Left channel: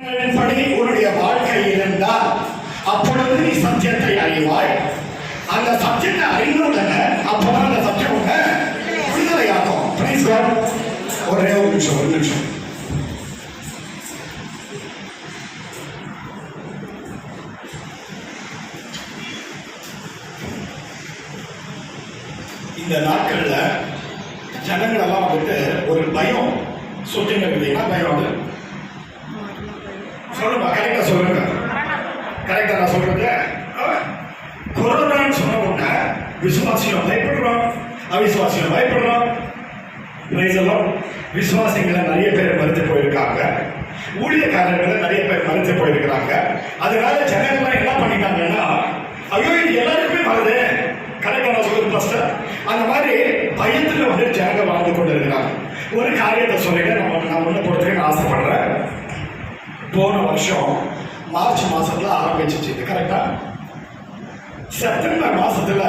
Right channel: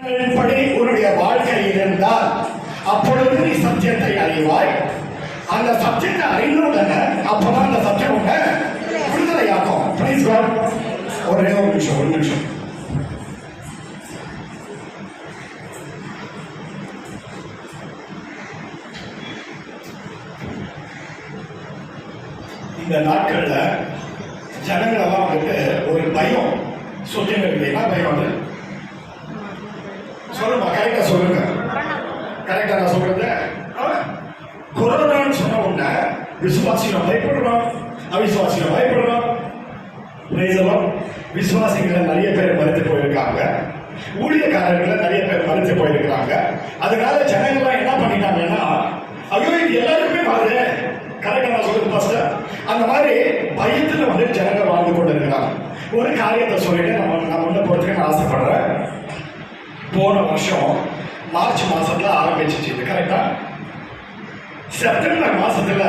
படி உன்னுடைய வாழ்க்கை இருந்தால் அப்பொழுது நீ சத்தியத்தை அறிவாய். அந்த சத்தியத்தை அறிந்தவுடனே அப்பதான் அந்த சத்தியம் உன்னை விடுதலையாகும். Price God. ஒரே ஒரு நிமிஷம். இந்த நாட்கள்ல ஜனங்கள் எல்லாம் வந்துட்டு ஒரு பயம் சொல்லுங்க. என்ன பயம்? அது சொல்லுமா, கரெக்டா சொல்லுங்க. கரெக்டா நான் சொல்றது. கொரோனான்னு சொன்ன உடனே விசுவாசிகள் பயப்படுறோம், அவிசுவாசிகள் பயப்படுறோம். விசுவாசிகளை நிறைய பேர் மறுத்து போயிருக்காங்க, ஊழியக்காரர்களை நிறைய பேர் மறுத்து போயிருக்கிறாங்க. அதனால ஜனங்கள்லாம் என்ன பண்ணிட்டாங்கன்னா, ஐயோ இது எல்லாருக்குமே வருது. கரெக்டா நான் சொல்றது ஃபர்ஸ்ட். அந்த மாதிரி பயத்துல வந்து ஜனங்கள் வாழ்ந்து கொண்டு இருக்கிறாங்க. ஒரு காரியத்தை சொல்லிட்டு நான் ஒண்ணு பொறுத்துக்க நான் ஆசைப்படுறேன். போன வருஷம் மார்ச் மாசத்துல ஆரம்பிச்சிச்சு, கரெக்டா? செப்டம்பர் மாசத்துல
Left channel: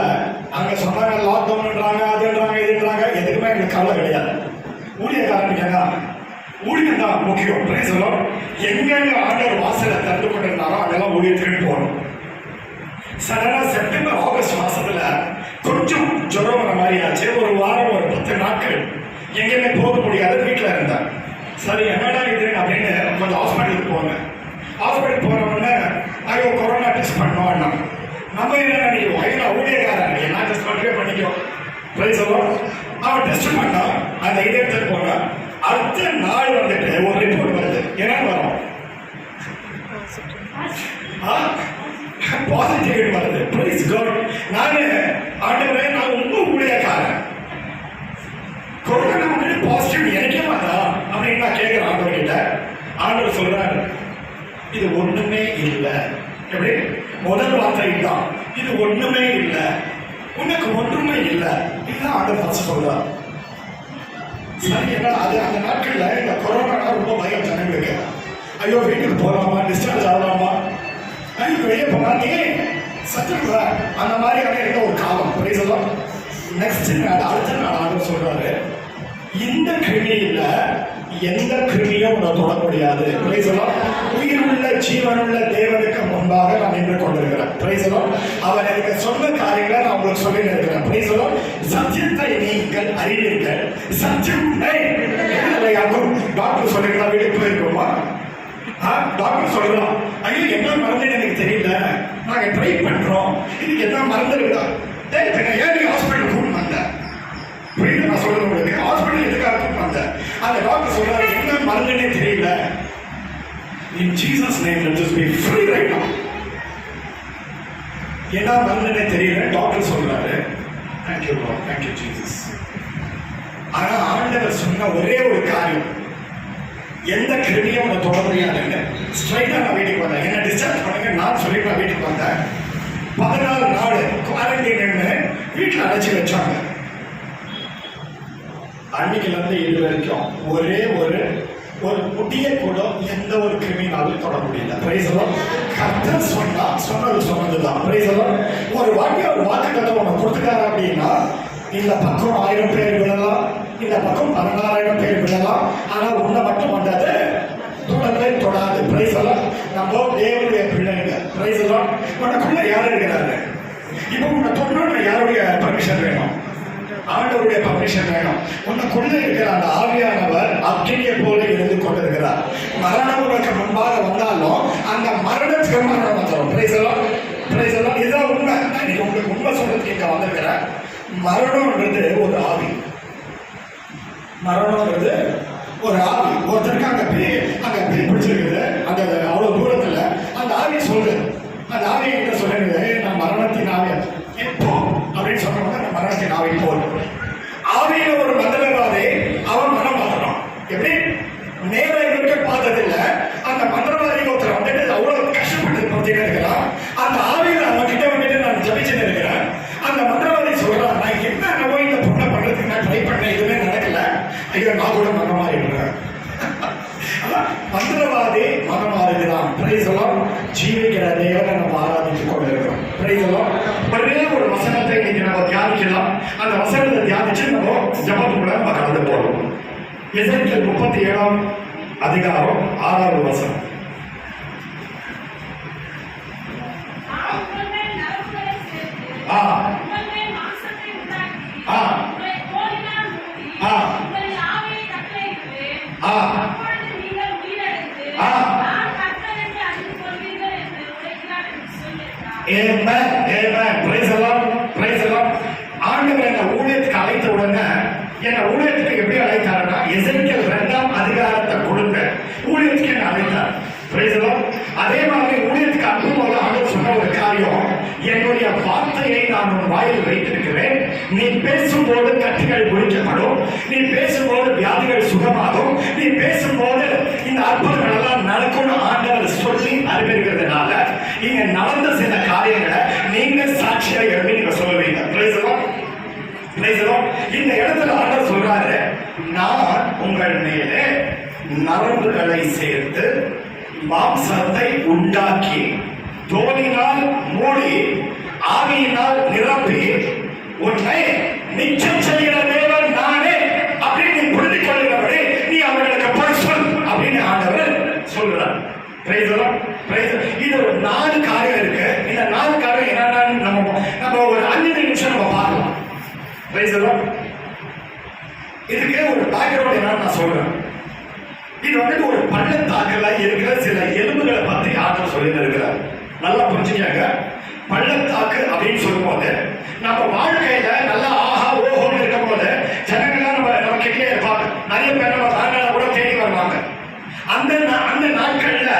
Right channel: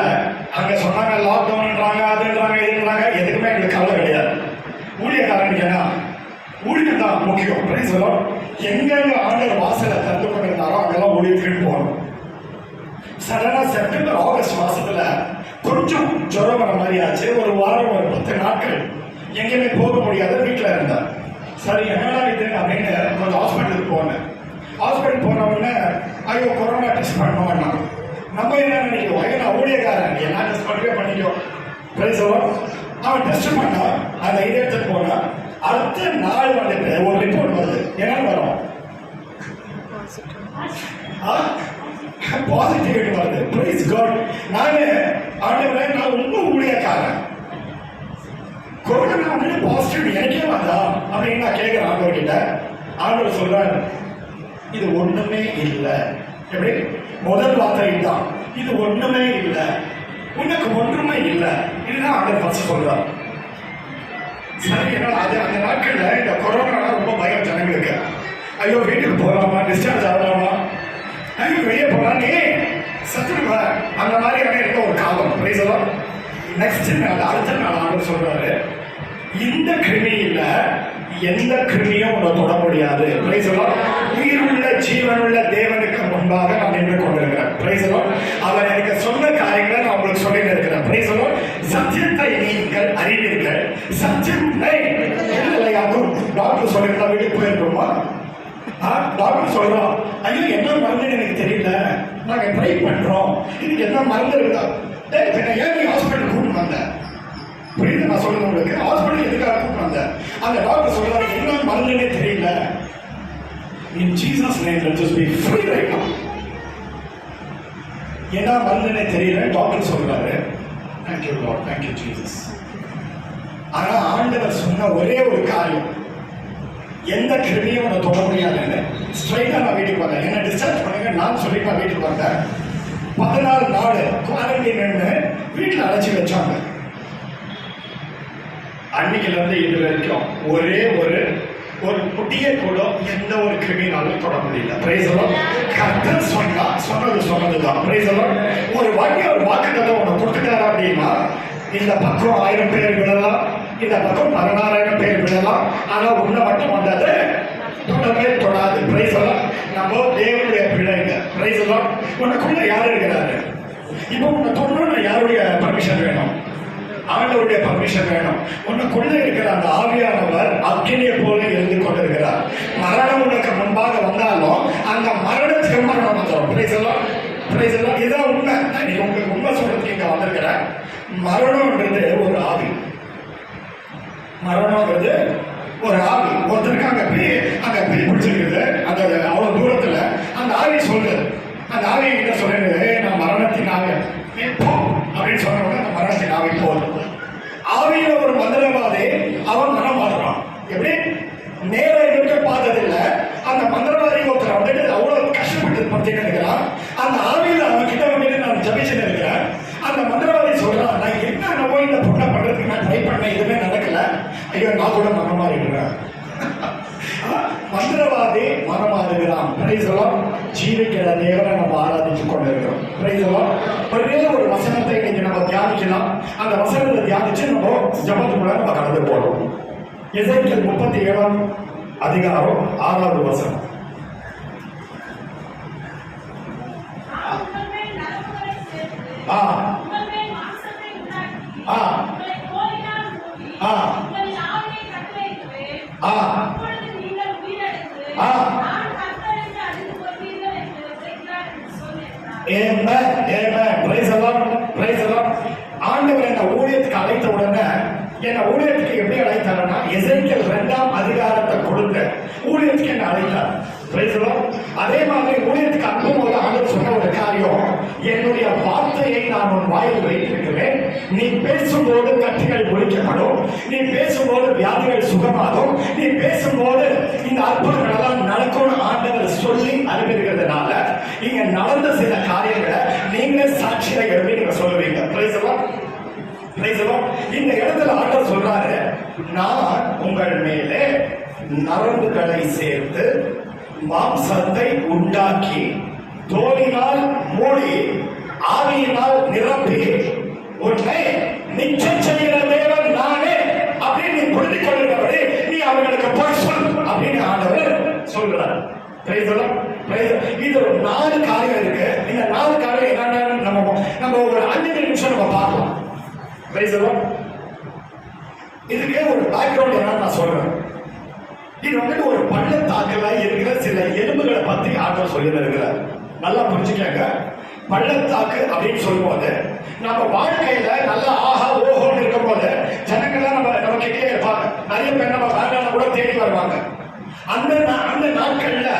அங்க சொன்னாங்க லாக்டவுன்ன்றாங்க, அதுன்றாங்க, இதுன்றாங்க. எதுக்குமே எங்களுக்கு கவலை கிடையாது. ஊழியக்காரனுக்கு என்ன? ஊழியம் தான் முக்கியம். Price the Lord. எங்கெங்க ஆண்டவர் வாசலை திறந்து கொண்டிருந்தாரோ அங்கெல்லாம் ஊழியத்துக்கு போகணும். சடனா செப்டம்பர் ஆகஸ்ட் மாசத்துல கொஞ்சம் ஜுரம் வர மாதிரி ஆச்சு. ஒரு வாரம், ஒரு 10 நாட்கள் எங்கேயுமே போக முடியாத வீட்டுல இருந்தேன். சரி என்னடா இது அப்படின்னு கொஞ்சம் ஹாஸ்பிட்டலுக்கு போனேன். ஹாஸ்பிட்டல் போனவொடனே ஐயோ கொரோனா டெஸ்ட் பண்ணோம்னா நம்ம என்ன நினைக்கிறோம், ஐயோ நான் ஊழியக்காரன் என்ன டெஸ்ட் பண்ணுறே பண்ணிக்கோ. Price the Lord. அவன் டெஸ்ட் பண்ணா அந்த இதை எடுத்துட்டு போனா அடுத்த நாள் வந்துட்டு ஒரு ரிப்போர்ட் வருது. என்னன்னு வரும்? பாசிட்டிவ் வருது. Praise God. ஆண்டவரே நான் ரொம்ப ஊழியக்காரன், கொரோனா வந்து பாசிட்டிவ் எனக்கே வந்தா அப்படின்னு நான் கேட்கிறேன் ஆண்டவர் கிட்ட. ஆண்டவர் சொல்றாரு இது ஒண்ணுமே இல்லை. எப்படி? முதல் வார்த்தை தான், இது ஒண்ணுமே இல்லை, உனக்கு ஒன்றுமே இல்லை. இதுதான் ஆண்டவர் ஃபர்ஸ்ட் சொல்றார். சரி, என்ன அது அந்த நாட்கள்ல இந்த கொரோனா ரொம்ப பயம் ஜனங்களுக்கு. ஐயோ வீட்டுக்கு போகலாமா, டிஸ்சார்ஜ் ஆகலாமா, ஐயோ வெளியே போகலாமே சத்துருவா, அந்த மாதிரியான இருந்த ஒரு காலம். Price the Lord. நெக்ஸ்ட் நாள் அடுத்த நாள் ஆண்டவர் சொல்றாரு இந்த கிருமியில எந்த கிருமியும் உன்னை தொட முடியாது. Price the Lord. உயிருள்ள ஜீவனுள்ள தேவனுக்கு முன்பாக நான் நின்று கொண்டிருக்கிறேன். Price the Lord. அவர் எனக்கு சொன்ன காரியங்களை நான் உங்களுக்கு சொல்லி இருக்கிறேன். Price the Lord. சத்தியத்தை நீங்கள் அறிவீர்கள், சத்தியம் விடுதலையாகும். டாக்டர் சொல்லிருந்தா வீட்டுக்கு போயிருக்கோமா? டாக்டர் சொல்லலாம் ஐயோ என்ன மருந்து எனக்கு தெரியல, நாங்க ட்ரை பண்றோம், இதுக்கு என்ன மருந்து இருக்கா? ஏன் நீ ஹாஸ்பிட்டல் கூட்டு வந்த? புரியுது நான் சொல்றது உங்களுக்கு? ஹாஸ்பிட்டல் எதுக்காக கூட்டு வந்த? அந்த டாக்டர் சொல்றாரு என்ன மருந்துன்னே தெரியல. In Jesus name let us be free right now. என்ன மருந்துன்னே தெரியல டாக்டர் சொல்றாரு. Thank you Lord, thank you Jesus. ஆனா ஆண்டவர் சொன்ன ஒரே ஒரு காரியம், எந்த கிருமியும் உன்னை தொட முடியாதுன்னு. ஸ்ட்ரைட்டா நான் வீட்டுக்கு வந்தேன். என்ன டிஸ்சார்ஜ் பண்ணுங்க நான் சொல்லிட்டு நான் வீட்டுக்கு வந்தேன். 14 நாள் குவாரண்டைன் வீட்டில் அடைச்சி வச்சாங்க. அன்னைக்குல இருந்து இது வரைக்கும் ஒரே ஒரு முட்டியை கூட எந்த ஒரு கிருமினாலும் தொட முடியல. Price the Lord. கர்த்தர் சொன்னதுதான். Price the Lord. ஒரு வாட்டி ஒரு வாக்குத்தத்தம் உனக்கு கொடுத்துட்டாரு அப்படின்னா இந்த பக்கம் 1000 பேர் விடலாம், இந்த பக்கம் 16,000 பேர் விடலாம். ஆனா உன்னை மட்டும் வந்தது தொடவே தொடாது. Price the Lord. நம்ம தேவனுடைய பிள்ளைங்க. Price the Lord. உனக்குள்ள யார் இருக்கிறாரு? இப்போ உன்னை தொடணும்னா யாருடைய பர்மிஷன் வேணும்? ஆண்டவருடைய பர்மிஷன் வேணும். உனக்குள்ள இருக்கிற அந்த ஆவியானவர் அக்கினியை போல இருந்து கொண்டிருக்கிறார். மரணம் உனக்கு முன்பாக வந்தாலும் அந்த மரணத்துக்கு மரணம் வந்துடும். Price the Lord. Praise the Lord. இதுதான் உண்மை. நான் உங்களுக்கு உண்மை சொல்றதுக்கு இங்க வந்திருக்கிறேன். மரணம்ன்றது ஒரு ஆவி. மரணம்ன்றது ஒரு ஆவி. ஒருத்தருக்கு அங்க பிடிச்சிருக்குது, அந்த அவ்வளவு தூரத்துல அந்த ஆவி சொல்லுது. அந்த ஆவி கிட்ட சொல்லுது நான் மரணத்தின் ஆவி போ அப்படின்னு சொன்ன உடனே அந்த மரணத்தின் ஆவி போதும். ஆவியில ஒரு மந்திரவாதி அவன் மனம் மாறுறான். எப்படி? நேரம் இருக்க பார்த்ததில்லை. அந்த மந்திரவாதி ஒருத்தர் வந்துட்டு அவ்வளவு கஷ்டப்பட்டு பார்த்துட்டு இருக்கிறான். அந்த ஆவியில அவன் கிட்ட வந்துட்டு நான் ஜபிச்சுன்னு இருக்கிறேன். அந்த மந்திரவாதி சொல்றான் நான் என்ன போய் இந்த பொண்ணை பண்றதுக்கு நான் ட்ரை பண்ணேன், எதுவுமே நடக்கல, ஐயோ நான் கூட மனம் மாறிடுறேன். மந்திரவாதி மனம் மாறுகிறான். Price the Lord. ஜீவிக்கிற தேவனை நம்ம ஆராதித்துக் கொண்டிருக்கிறோம். Price the Lord. ஒரே ஒரு வசனத்தை இன்னைக்கு நம்ம தியானிக்கலாம். அந்த வசனத்தை தியானிச்சு நம்ம ஜபத்துக்குள்ள நம்ம கடந்து போறோம். எசேக்கியேல் 37 அதிகாரம் 6வது வசனம். Amen. Amen. Praise the Lord. Praise the Lord. ஆண்டவர் என்ன ஊழியத்துக்கு அழைத்த உடனே என்ன ஊழியத்துக்கு எப்படி அழைத்தாருன்னா எசேக்கியேல் 2ஆம் அதிகாரத்தை கொடுத்து ஊழியத்துக்கு என்ன அழைத்தார். Praise the Lord. அதே மாதிரி ஊழியத்துக்கு அனுப்பும்போது ஆண்டவர் சொன்ன ஒரு காரியம், என்னுடைய வார்த்தையை நான் உன் வாயில் வைத்திருக்கிறேன், நீ பேசும்போது கட்டுகள் முடிக்கப்படும், நீ பேசும்போது வியாதிகள் சுகமாகும், நீ பேசும்போது இந்த அற்புதங்கள் எல்லாம் நடக்கும்னு ஆண்டவர் சொல்லி அறிவிக்கிறதுனால இங்க நடந்த சில காரியங்களை நீங்க சாட்சியா எழுதி நீங்க சொல்லுவீங்க. Praise the Lord. Praise the Lord. இந்த இடத்துல ஆண்டவர் சொல்றாரு, நான் உங்கள் மேலே நரம்புகளை சேர்த்து மாம்சத்தை உண்டாக்கி தோலினால் மூடி ஆவியினால் நிரப்பி உன்னை நிச்சயம் செய்கிற தேவன் நானே அப்படின்னு நீ புரிந்து கொள்கிறபடி நீ அவர்களுக்கு போய் சொல் அப்படின்னு ஆண்டவர் சொல்கிறார். Praise the Lord. இது ஒரு 4 காரியம் இருக்கு. இந்த 4 காரியம் என்னன்னு நம்ம ஒரு 5 நிமிஷம் நம்ம பார்க்கலாம். Praise the Lord. இதுக்கு ஒரு பேக்ரவுண்ட் என்னன்னு நான் சொல்றேன். இது வந்துட்டு ஒரு பள்ளத்தாக்குல இருக்கிற சில எலும்புகளை பத்தி ஆண்டவர் சொல்லி இருக்கிறார். நல்லா புரிஞ்சுக்கங்க. பள்ளத்தாக்கு அப்படின்னு சொல்லும்போது நம்ம வாழ்க்கையில நல்லா ஆஹா ஓஹோன்னு இருக்கும் போது ஜனங்கள்லாம் நம்ம கிட்டே இருப்பாங்க. நிறைய பேர் நம்ம வாங்கால கூட தேடி வருவாங்க. அந்த நாட்கள்ல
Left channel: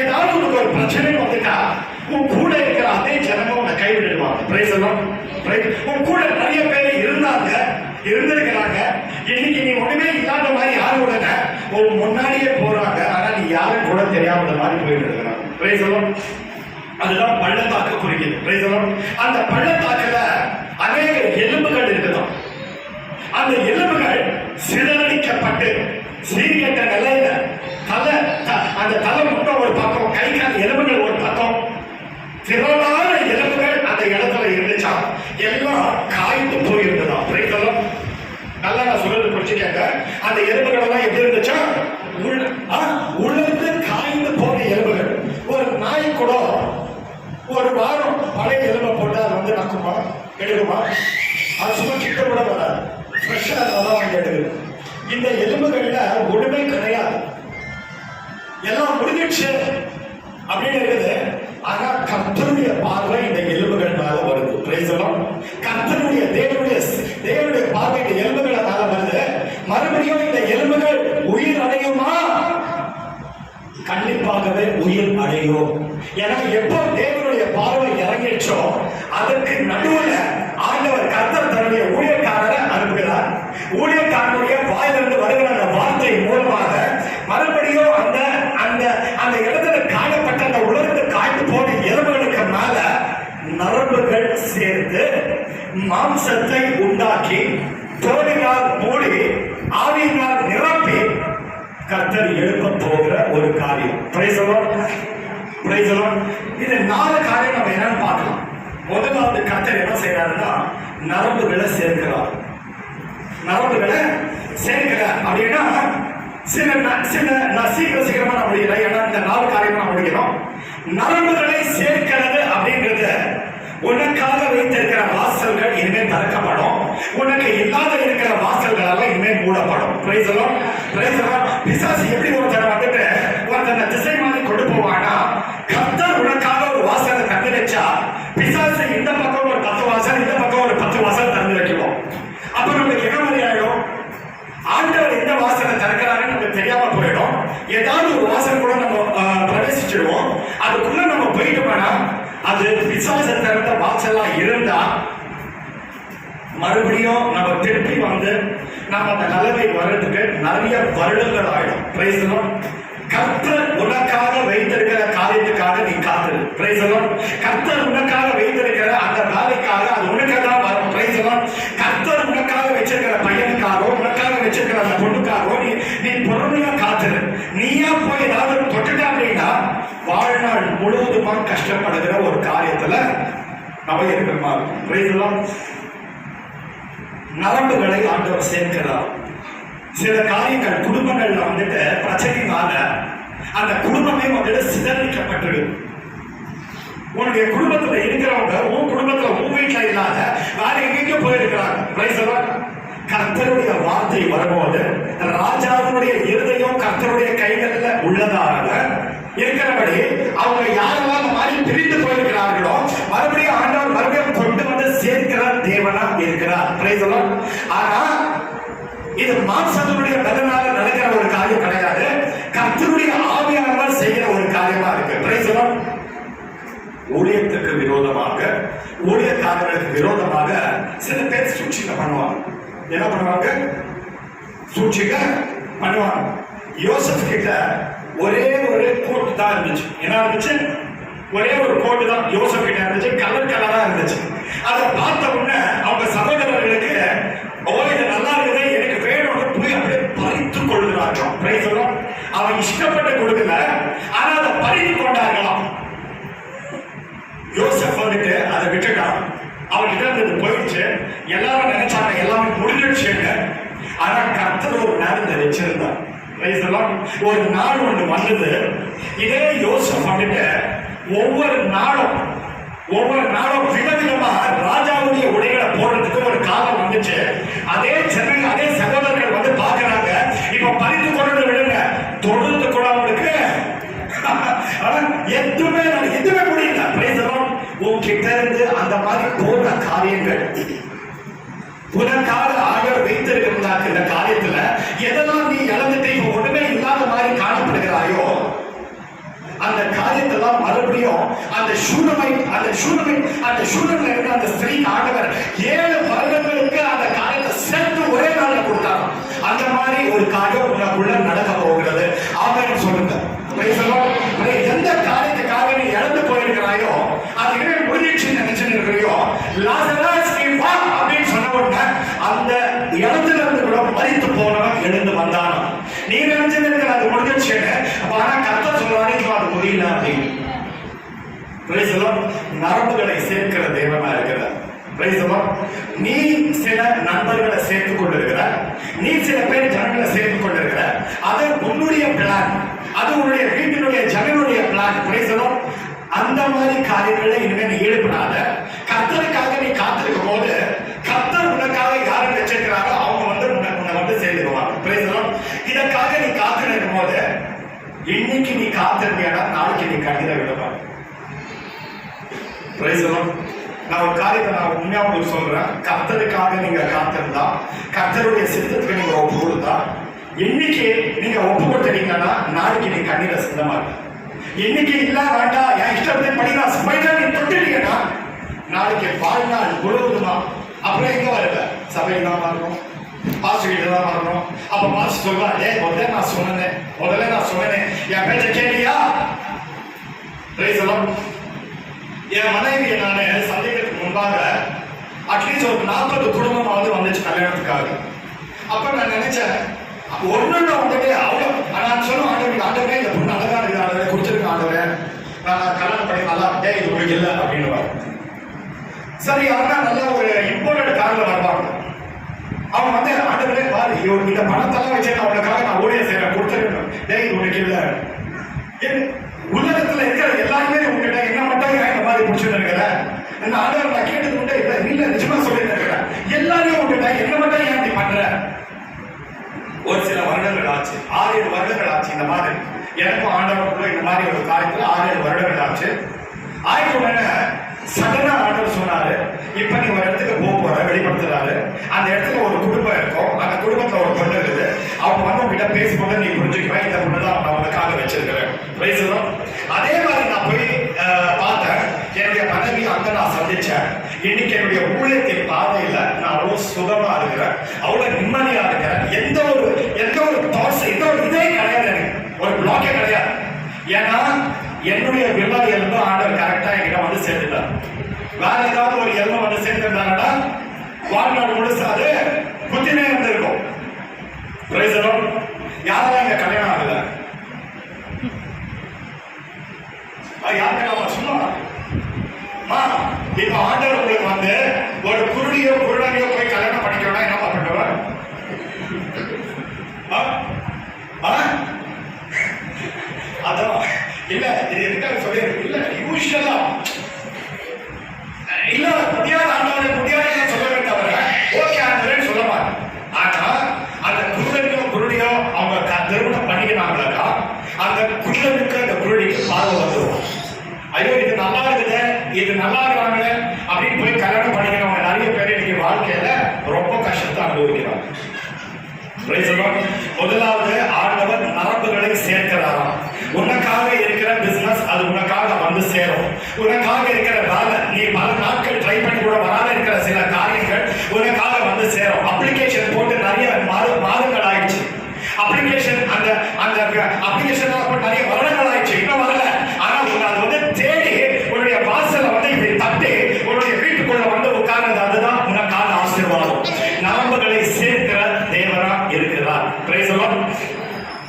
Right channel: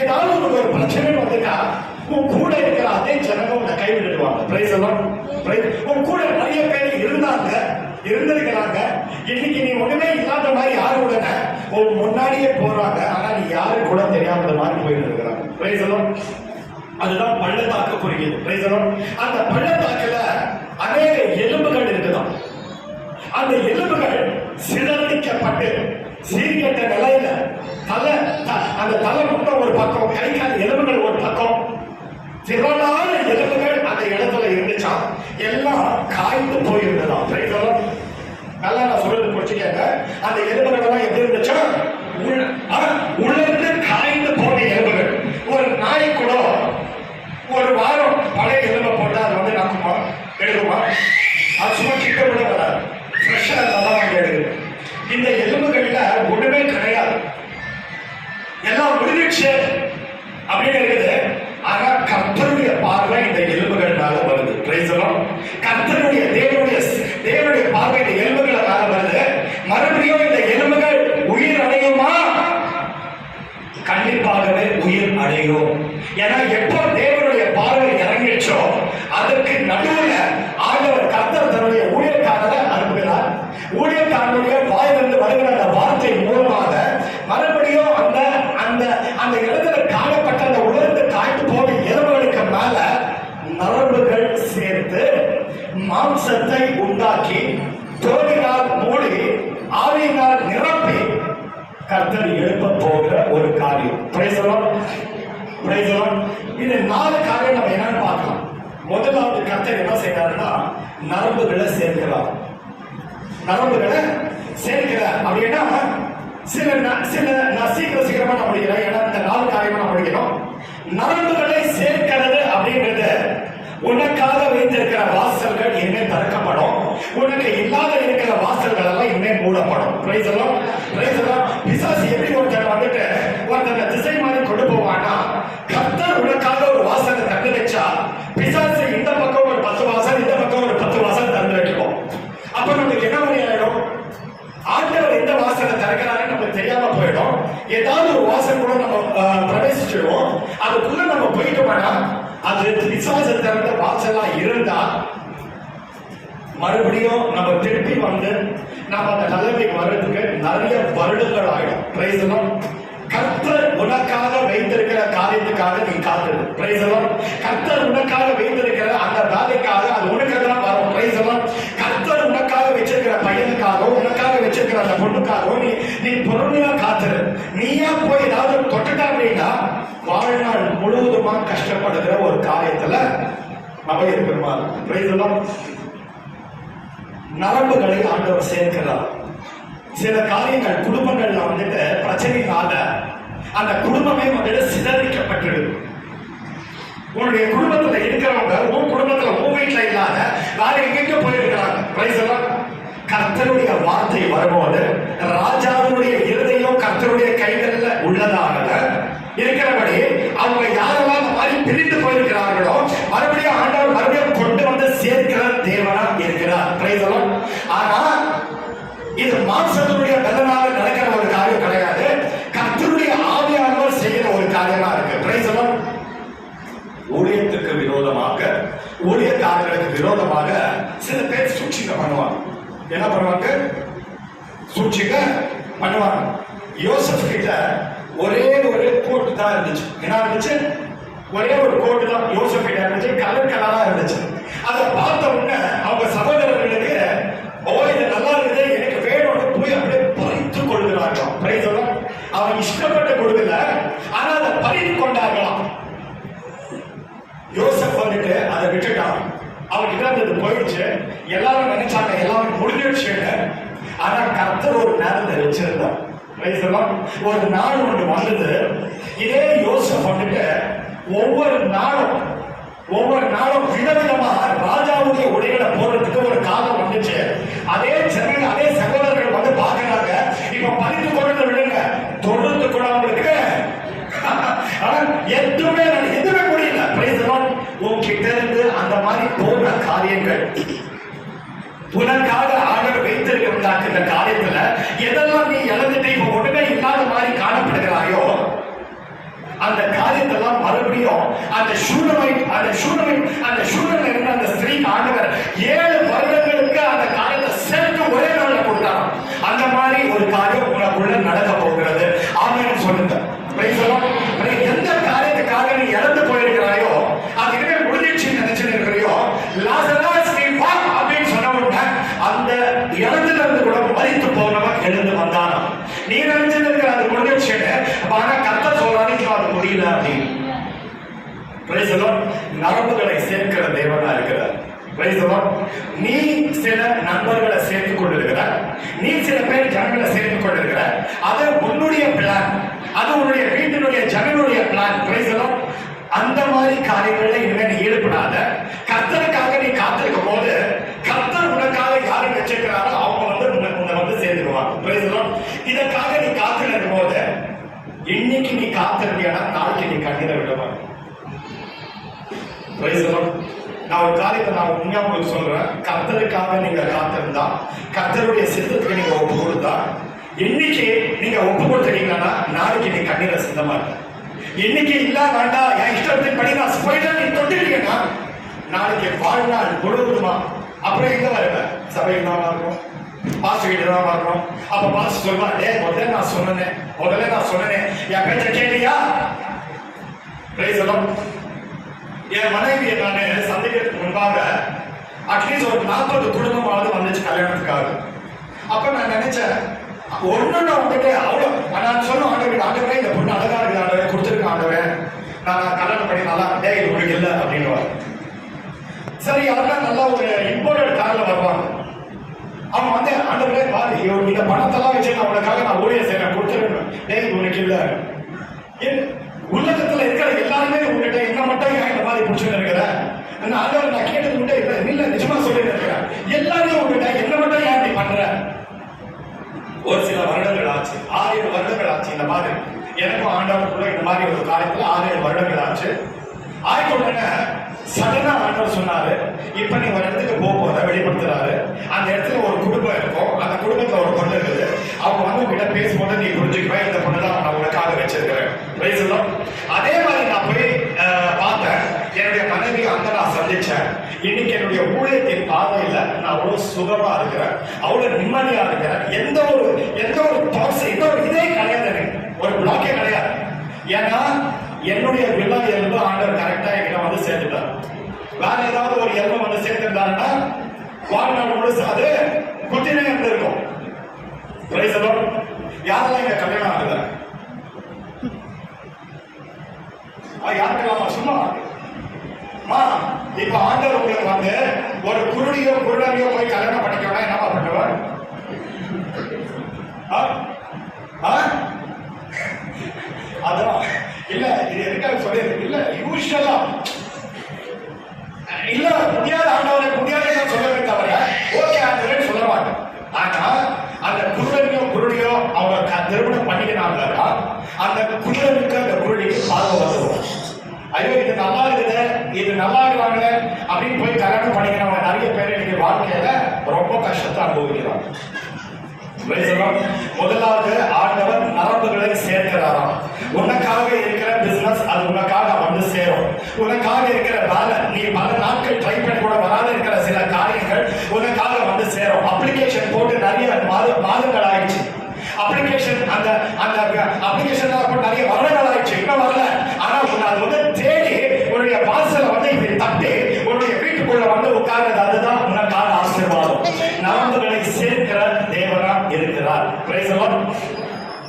ஏதாவது உனக்கு ஒரு பிரச்சனை வந்துட்டா உன் கூட இருக்கிற அதே ஜனங்க உன்னை கைவிடுவாங்க. Praise the Lord. உன் கூட நிறைய பேர் இருந்திருக்கிறாங்க. இன்னைக்கு நீ ஒண்ணுமே இல்லாத மாதிரி யாரு உடனே உன் முன்னாடியே போறாங்க, ஆனா நீ யாரும் கூட தெரியாத மாதிரி போயிட்டு இருக்கிறாங்க. Praise the Lord. அதுதான் பள்ளத்தாக்கு குறிக்குது. Praise the Lord. அந்த பள்ளத்தாக்குல அநேக எலும்புகள் இருக்குதான். அந்த எலும்புகள் சிதறடிக்கப்பட்டு சீர்கெட்ட நிலையில அந்த தலை முட்டை ஒரு பக்கம், கை கால் எலும்புகள் ஒரு பக்கம், திரளான எலும்புகள் அந்த இடத்துல இருந்துச்சா, எல்லாம் காய்ந்து போயிருந்ததா. Praise the Lord. நல்லா நான் சொல்றது புரிச்சுக்கங்க. அந்த எலும்புகள் எல்லாம் எப்படி இருந்துச்சா, உலர்ந்து காய்ந்து போன எலும்புகள். ஒரு நாய் கூட ஒரு வாரம் பழைய எலும்பை போட்டா அது வந்து நக்குமா, எடுக்குமா? அது சும்மா கிட்ட கூட வராது. ஃப்ரெஷ்ஷா இருந்தாதான் வாங்கி எடுக்குது. இந்த எலும்புகள்ல ஒண்ணுமே கிடையாது, எல்லாம் முடிஞ்சிடுச்சு அப்படின்னு இருக்குது. ஆனா கர்த்தருடைய பார்வை இந்த எலும்புகள் மேல வருது. Praise the Lord. கர்த்தருடைய தேவனுடைய பார்வை இந்த எலும்புகள் மேல வருது. மறுபடியும் இந்த எலும்புகள் உயிர் அடையுமா? கண்டிப்பாகவே உயிர் அடையும். ஏன்னா எப்போ தேவனுடைய பார்வை இறங்கிடுச்சோ அதற்கு நடுவுல ஆண்டவர் கர்த்தர் தன்னுடைய ஊழியக்காரரை அனுப்புகிறார். ஊழியக்காரனுடைய வாயிலிருந்து வருகிற அந்த வார்த்தை மூலமாக மறுபடியும் அந்த இடத்துல காணப்பட்ட அந்த உலர்ந்து காய்ந்து போன எலும்புகளுக்கு மேல நரம்புகள் சேர்த்து மாம்சத்தை உண்டாக்கி தோலினால் மூடி ஆவியினால் நிரப்பி கர்த்தர் எழுப்ப போகிற ஒரு காரியம். Praise the Lord. Praise the Lord. இது 4 காரியம் நம்ம என்னன்னு பார்க்கலாம். முதலாவது கர்த்தர் என்ன செய்யறாருன்னா நரம்புகளை சேர்க்கிறார். நரம்புகளை சேர்க்கிறார் அப்படின்னா சில நான் சீக்கிரமா நான் முடிக்கிறேன். ஏன்னா இந்த 4 காரியமா நான் முடிக்கணும். நரம்புகளை சேர்க்கிறது அப்படின்றது உனக்காக வைத்திருக்கிற வாசல்கள் இனிமே திறக்கப்படும், உனக்கு இல்லாத இருக்கிற வாசல்கள் எல்லாம் இனிமே மூடப்படும். Praise the Lord. Praise the Lord. பிசாசு எப்படி ஒருத்தனை வந்துட்டு ஒருத்தனை திசை மாதிரி கொண்டு போவானா, கர்த்தர் உனக்காக ஒரு வாசலை திறந்து வச்சா பிசாசு இந்த பக்கம் ஒரு 10 வாசல், இந்த பக்கம் ஒரு 10 வாசல் திறந்து வைக்குவோம். அப்ப நம்மளுக்கு என்ன மாதிரி ஆயிடும், ஆண்டவர் எந்த வாசலை திறக்கிறாருன்னு நமக்கு தெரியாம போயிடும். ஏதாவது ஒரு வாசல் கூட நம்ம பிரவேசிச்சிடுவோம். அதுக்குள்ள நம்ம போயிட்டோம்னா அது பிசாசு திறந்த வாசலா இருந்தா மறுபடியும் நம்ம திருப்பி வந்து நம்ம அந்த நிலைமை வர்றதுக்கு நிறைய வருடங்கள் ஆயிடும். Praise the Lord. கர்த்தர் உனக்காக வைத்திருக்கிற காரியத்துக்காக நீ காத்துரு. Praise the Lord. கர்த்தர் உனக்காக வைத்திருக்கிற அந்த வேலைக்காக அது உனக்கு தான் வரும். Praise the Lord. கர்த்தர் உனக்காக வச்சிருக்கிற பையனுக்காக உனக்காக வச்சிருக்கிற அந்த பொண்ணுக்காக நீ பொறுமையா காத்துரு. நீயா போய் ஏதாவது தொட்டுட்டா அப்படின்னா வாழ்நாள் முழுவதுமா கஷ்டப்படுகிற ஒரு காரியத்துல நம்ம இருக்கிற மாதிரி. Praise the Lord. நரம்புகளை ஆண்டவர் சேர்க்கிறார். சில காரியங்கள் குடும்பங்கள்ல வந்துட்டு பிரச்சனைனால அந்த குடும்பமே வந்துட்டு சிதறிக்கப்பட்டிருக்கு. உன்னுடைய குடும்பத்துல இருக்கிறவங்க உன் குடும்பத்துல உன் வீட்டுல இல்லாத வேற எங்கேயும் போயிருக்கிறாங்க. Praise the Lord. கர்த்தருடைய வார்த்தை வரும்போது ராஜாவுடைய இருதயம் கர்த்தருடைய கைகள்ல உள்ளதால இருக்கிறபடி அவங்க யாரெல்லாம் அந்த மாதிரி பிரிந்து போயிருக்கிறார்களோ மறுபடியும் ஆண்டவர் மறுபடியும் கொண்டு வந்து சேர்க்கிற தேவனா இருக்கிறார். Price the Lord. ஆனா இது மாம்சத்தினுடைய பலனாக நடக்கிற ஒரு காரியம் கிடையாது. கர்த்தருடைய ஆவியானவர் செய்கிற ஒரு காரியமா இருக்கு. Price the Lord. ஊழியத்துக்கு விரோதமாக, ஊழியக்காரர்களுக்கு விரோதமாக சில பேர் சூழ்ச்சிங்க பண்ணுவாங்க. என்ன பண்ணுவாங்க? சூழ்ச்சிங்க பண்ணுவாங்க. யோசேப் கிட்ட ஒரே ஒரு கோட்டு தான் இருந்துச்சு. என்ன இருந்துச்சு? ஒரே ஒரு கோட்டு தான் யோசேப் கிட்ட இருந்துச்சு. கலர் கலரா இருந்துச்சு. அதை பார்த்த உடனே அவங்க சகோதரர்களுக்கு இது நல்லா இருக்குது, எனக்கு வேணும்னு போய் அப்படியே பறித்து கொள்கிறார்கள். Price the Lord. அவன் இஷ்டப்பட்டு கொடுக்கல, ஆனா அதை பறித்து கொண்டார்களாம். யோசேப் வந்துட்டு அதை விட்டுட்டான். அவன்கிட்ட இருந்து போயிடுச்சு. எல்லாரும் நினைச்சாங்க எல்லாமே முடிஞ்சிடுச்சுங்க. ஆனா கர்த்தர் ஒரு நேரத்தை வச்சிருந்தார். ஒரு நாள் ஒன்று வந்தது. இதே யோசேப் வந்துட்டு ஒவ்வொரு நாளும் விதவிதமா ராஜாவுடைய உடைகளை போடுறதுக்கு ஒரு காலம் வந்துச்சு. அதே ஜனங்க, அதே சகோதரர்கள் வந்து பாக்குறாங்க. இப்ப பறித்து கொண்டு விடுங்க, தொழுது கூட அவங்களுக்கு எதுவுமே முடியல. உன்கிட்ட இருந்து அந்த மாதிரி போன காரியங்கள் உனக்காக ஆர்டர் வைத்திருக்கிறாங்க. இந்த காரியத்துல எதெல்லாம் நீ இழந்துட்டு இப்ப ஒண்ணுமே இல்லாத மாதிரி காணப்படுகிறாயோ அந்த காரியத்தெல்லாம் மறுபடியும் அந்த சூழமை இருந்த அந்த ஸ்திரீக்கு ஆண்டவர் 7 வருடங்களுக்கு அந்த காரியத்தை சேர்த்து ஒரே நாள்ல கொடுத்தாங்க. அந்த மாதிரி ஒரு காரியம் உனக்குள்ள நடக்க போகிறது. ஆமென் சொல்லுங்க. எந்த காரியத்துக்காக நீ இழந்து போயிருக்கிறாயோ அது இனிமே முடிஞ்சிடுச்சுன்னு நினைச்சுட்டு இருக்கிறையோ, லாசரஸ் நீ வா அப்படின்னு சொன்ன உடனே அந்த இடத்துல இருந்து கூட மரித்து போனவன் எழுந்து வந்தான். நீ நினைச்சுட்டு இருக்கிற அது முடிஞ்சிடுச்சுன்னு, ஆனா கர்த்தர் சொல்றாரு அது முடியல அப்படின்னு. Price the Lord. நரம்புகளை சேர்க்கிற தேவனா இருக்கிறார். Price the Lord. நீ சில நண்பர்களை சேர்த்துக் கொண்டிருக்கிற, நீ சில பேர் ஜனங்களை சேர்த்துக் கொண்டிருக்கிற, அது உன்னுடைய பிளான், அது உன்னுடைய வீட்டினுடைய ஜனங்களுடைய பிளான். Price the Lord. அந்த மாதிரி காரியங்களை இனிமேல் நீ ஈடுபடாத. கர்த்தருக்காக நீ காத்திருக்கும் போது கர்த்தர் உனக்காக யாரை வச்சிருக்கிறாரோ அவங்க வந்து உன்னை வந்து சேர்ந்துருவாங்க. Price the Lord. இதற்காக நீ காத்திருக்கும் போது இன்னைக்கு நீ காத்திருந்தியானா நாளைக்கு நீ கண்ணீரை விடுவாங்க. Price the Lord. நான் ஒரு காரியத்தை நான் உண்மையா உங்களுக்கு சொல்றேன். கர்த்தருக்காக நீங்க காத்திருந்தா, கர்த்தருடைய சித்தத்துக்கு நீங்க ஒப்பு கொடுத்தா, இன்னைக்கு நீங்க ஒப்பு கொடுத்துட்டீங்கன்னா நாளைக்கு நீ கண்ணீரை சிந்தமா இருக்க. இன்னைக்கு இல்ல வேண்டாம் என் இஷ்டத்தின் படி நான் ஸ்பைடர் நீ தொட்டுட்டீங்கன்னா நாளைக்கு வாழ்நாள் முழுவதுமா அப்புறம் எங்க வருவ? சபைக்கு தான் வரணும், பாஸ்டர் கிட்ட தான் வரணும். அப்ப பாஸ்டர் சொல்வா, முதல்ல நான் சொன்னேன் என் பேச்ச கேட்டியா? Price the Lord. என் மனைவியை நான் சந்திக்கிறதுக்கு முன்பாக அட்லீஸ்ட் ஒரு 40 குடும்பமாவது வந்துச்சு கல்யாணத்துக்காக. அப்ப நான் நினைச்சேன் ஒண்ணு வந்துட்டு அவ்வளோ நான் சொன்ன ஆண்டவரே இந்த பொண்ணு அழகா இருக்கு, ஆண்டவரே கொடுத்துருக்க ஆண்டவரே, நான் கல்யாணம் பண்ணி நல்லா இது உங்களுக்கு இல்லை அப்படின்னு. சரி, அவங்க நல்லா ஒரு இம்போர்ட்டட் கார்ல வருவாங்க. அவங்க வந்து ஆண்டவரே பாரு இந்த பணத்தெல்லாம் வச்சு நான் உனக்காக நான் ஊழிய செய்யறேன் கொடுத்துருக்கேன், இது உனக்கு இல்லை. உலகத்துல இருக்கிற எல்லாருமே உங்ககிட்ட என்ன மட்டும் ஏன் இந்த மாதிரி பிடிச்சிட்டு இருக்கிற ஆண்டவர் நான் கேட்டது உண்டு இல்ல நிஜமா சொல்லி இருக்கிறேன். எல்லாரையும் உங்ககிட்ட என்ன மட்டும் ஏன் இப்படி பண்ற? ஒரு சில வருடங்கள் ஆச்சு, 6-7 வருடங்கள் ஆச்சு. இந்த மாதிரி எனக்கும் ஆண்டவருக்குள்ள இந்த மாதிரி ஒரு காரியத்துல 6-7 வருடங்கள் ஆச்சு. ஆயிட்ட உடனே சடனா ஆண்டவர் சொன்னாரு, இப்ப நீ ஒரு இடத்துக்கு போற வெளிப்படுத்துறாரு. அந்த இடத்துல ஒரு குடும்பம் இருக்கும், அந்த குடும்பத்துல ஒரு பொண்ணு இருக்குது. அவங்க வந்து உங்ககிட்ட பேசும்போது நீ புரிஞ்சுக்குவேன் இந்த பொண்ணு தான் நான் உனக்காக வச்சிருக்கிறேன். அதே மாதிரி நான் போய் பார்த்தேன். என்னுடைய மனைவி அங்க நான் சந்திச்சேன். இன்னைக்கு என்னுடைய ஊழியத்தின் பாதையில நான் அவ்வளவு சுகமா இருக்கிறேன், அவ்வளவு நிம்மதியா இருக்கிறேன். எந்த ஒரு தாட்ஸ், எந்த ஒரு இதே கிடையாது, ஒரு பிளாக்கே கிடையாது. ஏன்னா என்னுடைய வில்லா எலும்பு ஆண்டவர் கரெக்டா என்கிட்ட வந்து சேர்த்துட்டார். வேற ஏதாவது ஒரு எலும்பு வந்து சேர்த்துட்டாங்கன்னா வாழ்நாள் முழுசு அது குத்தினே இருந்திருக்கும். யாரெல்லாம் இங்க கல்யாணம் ஆகுத? யாருக்கெல்லாம் சும்மா இப்ப ஆண்டவர் உங்களுக்கு வந்து ஒரு குருடியோ குருடனையோ போய் கல்யாணம் பண்ணிக்கணும்னா என்ன பண்ணுவார்? அதான் இல்ல, இது எதுக்காக சொல்லி இல்ல, யூஷுவலா இல்ல முடியாத ஆண்டவரை முடியாத சொல்லவே தவிர ஓகே ஆண்டவரே சொல்ல மாட்டேன். ஆனா அந்த குருடனையோ குருடியோ அவங்க திருமணம் பண்ணிக்கிறாங்களாக்கா அந்த குருடனுக்கு அந்த குருடிக்கு நல்லா இருக்குது, இது நல்லா இருக்கிறாங்க அப்படின்னு போய் கல்யாணம் பண்ணிக்கிறவங்க நிறைய பேர் இன்னைக்கு வாழ்க்கையில ரொம்ப கஷ்டத்தை அனுபவிக்கிறாங்க. முதலாவது ஆண்டவர் நரம்புகளை சேர்க்கிறாராம். உனக்காக இருக்கிற பிசினஸ் அது உனக்காக வந்து சேரும். உனக்காக இருக்கிற வேலை, நீ பல நாட்கள் ட்ரை பண்ணி கூட வராத இருக்கிற சில காரியங்கள் உனக்காக வந்து சேரும். அப்ளிகேஷன் போட்டு நிறைய மாதங்கள் ஆயிடுச்சு. அப்ளிகேஷன் அந்த அந்த அப்ளிகேஷன் நிறைய வருடங்கள் ஆயிடுச்சு, இன்னும் வரல. ஆனா அது வந்து தேடி உன்னுடைய வாசலை வந்து இப்படி தட்டி உன்னுடைய வீட்டுக்குள்ள வந்து உட்கார்றது, அதுதான் உனக்கான ஆசீர்வாதம். நரம்புகளை சேர்க்கிற தேவனா இருக்கிறார். Price the Lord,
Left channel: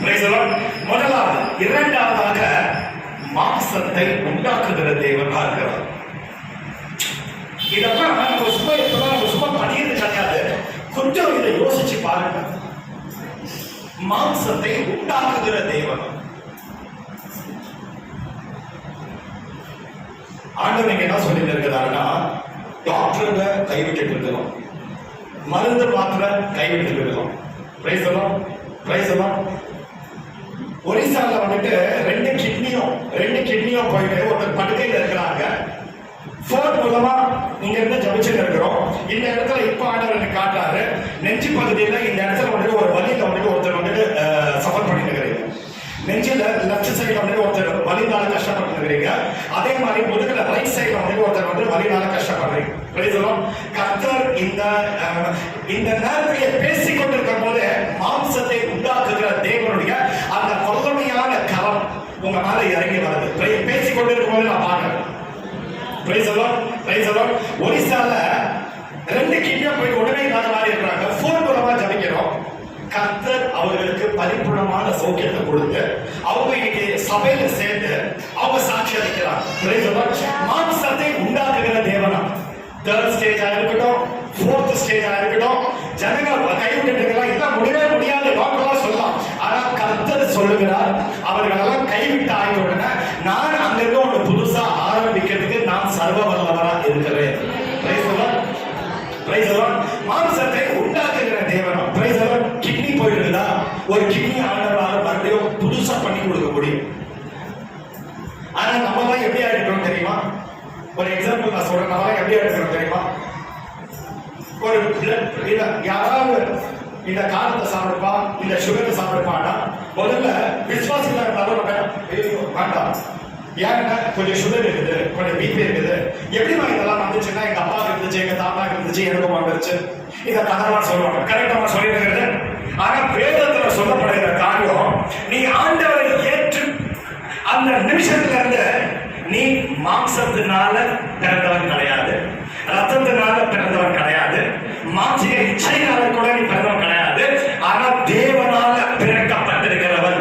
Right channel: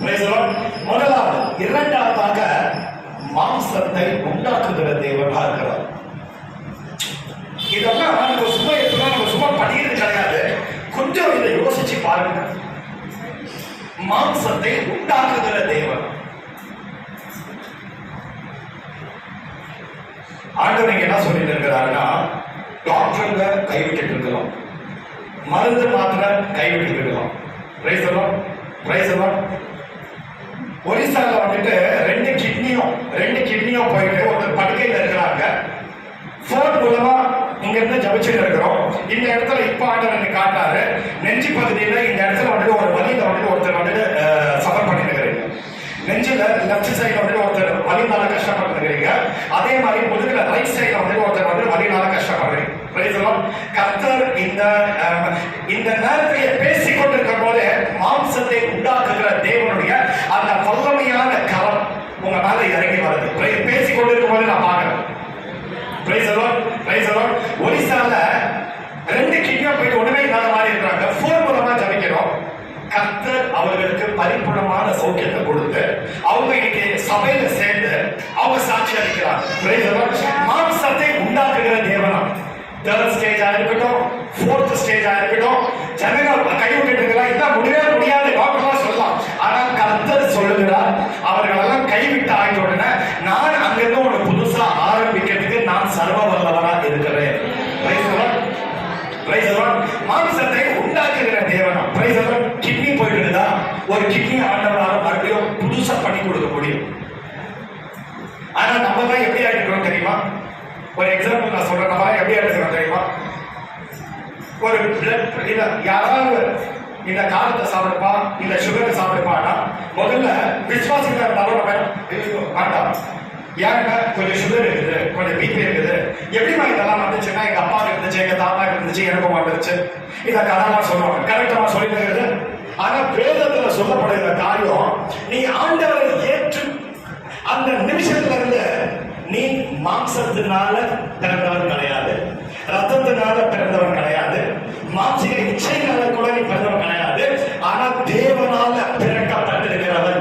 praise the Lord. முதலாவது. இரண்டாவதாக மாம்சத்தை உண்டாக்குகிற தேவனா இருக்கிறார். இதெல்லாம் நம்ம சும்மா பண்ணியது கிடையாது. கொஞ்சம் இதை யோசிச்சு பாருங்க. மாம்சத்தை உண்டாக்குகிற தேவன். ஆண்டவர் இங்க என்ன சொல்லிட்டு இருக்கிறாருன்னா, டாக்டருங்க கைவிட்டு இருக்கிறோம், மருந்து மாத்திரை கைவிட்டு இருக்கிறோம். Praise the Lord, praise the Lord. ஒரிசால வந்துட்டு ரெண்டு கிட்னியும் போயிட்டு ஒருத்தர் படுக்கையில் இருக்கிறாங்க. போன் மூலமா இங்க இருந்து ஜபிச்சுட்டு இருக்கிறோம். இந்த இடத்துல இப்ப ஆண்டவர் காட்டாரு, நெஞ்சு பகுதியில இந்த இடத்துல வந்துட்டு ஒரு வழியில வந்துட்டு ஒருத்தர் வந்துட்டு சஃபர் பண்ணி இருக்கிறீங்க. நெஞ்சில லெஃப்ட் சைட்ல வந்து ஒருத்தர் வலினால கஷ்டப்பட்டு இருக்கிறீங்க. அதே மாதிரி முதுகுல ரைட் சைட்ல வந்து ஒருத்தர் வந்து வலினால கஷ்டப்படுறீங்க. கர்த்தர் இந்த நேரத்தில் பேசிக் கொண்டிருக்கும் போது மாம்சத்தை உண்டாக்குகிற தேவனுடைய அந்த வல்லமையான கரம் உங்க மேல இறங்கி வருது. பேசிக் கொண்டிருக்கும் போது நான் பாக்குறேன். ஒரிசால ரெண்டு கிட்னியும் போயிட்டு ஒண்ணுமே இல்லாத மாதிரி இருக்கிறாங்க. போன் மூலமா ஜபிக்கிறோம். கர்த்தர் அவர்களுக்கு பரிபூர்ணமான சௌக்கியத்தை கொடுத்து அவங்க இன்னைக்கு சபையில சேர்ந்து அவங்க சாட்சி அளிக்கிறார். மாம்சத்தை உண்டாக்குகிற தேவனா. தேர்ட் ஸ்டேஜா இருக்கட்டும், ஃபோர்த் ஸ்டேஜா இருக்கட்டும், ஜனங்கள் கைவிட்டு இருக்கலாம், இதான் முடியவே முடியாது வாக்கெல்லாம் சொல்லலாம். ஆனா கர்த்தர் சொல்லுகிறார், அவர்களெல்லாம் கைவிட்டு ஆகிட்ட உடனே நான் அங்கிருந்து ஒன்று புதுசா ஆரம்பிக்கிறதுக்கு நான் சர்வ வல்லவரா இருக்கிறேன். மாம்சத்தை உண்டாக்குகிற தேவனா. கிட்னி போயிட்டு இருந்தா ஒரு கிட்னி ஆண்டவராக மறுபடியும் புதுசா பண்ணி கொடுக்க முடியும். ஆனா நம்ம தான் எப்படி ஆயிடுறோம் தெரியுமா? ஒரு எக்ஸாம்பிள் நான் சொல்றேன். நம்ம எப்படி ஆயிடுறோம் தெரியுமா? ஒரு பிளட் யாராவது இந்த காலத்தை சாப்பிடுப்பா, இந்த சுகரை சாப்பிடுப்பான்னா முதல்ல விசுவாசிகளா இருந்தாலும் வேண்டாம். ஏன்னா கொஞ்சம் சுகர் இருக்குது, கொஞ்சம் பிபி இருக்குது. எப்படிமா இதெல்லாம் வந்துச்சுன்னா எங்க அப்பா இருந்துச்சு, எங்க தாத்தா இருந்துச்சு, எனக்கும் வந்துருச்சு. இத கதெல்லாம் சொல்லுவாங்க. கரெக்டா சொல்லிட்டு. ஆனா வேதத்துல சொல்லப்படுகிற காரியம், நீ ஆண்டவரை ஏற்று அந்த நிமிஷத்துல இருந்து நீ மாம்சத்தினால பிறந்தவன் கிடையாது, ரத்தத்தினால பிறந்தவன் கிடையாது, மாம்சிக இச்சையினால கூட நீ பிறந்தவன் கிடையாது. ஆனா தேவனால பிறக்கப்பட்டிருக்கிறவன்.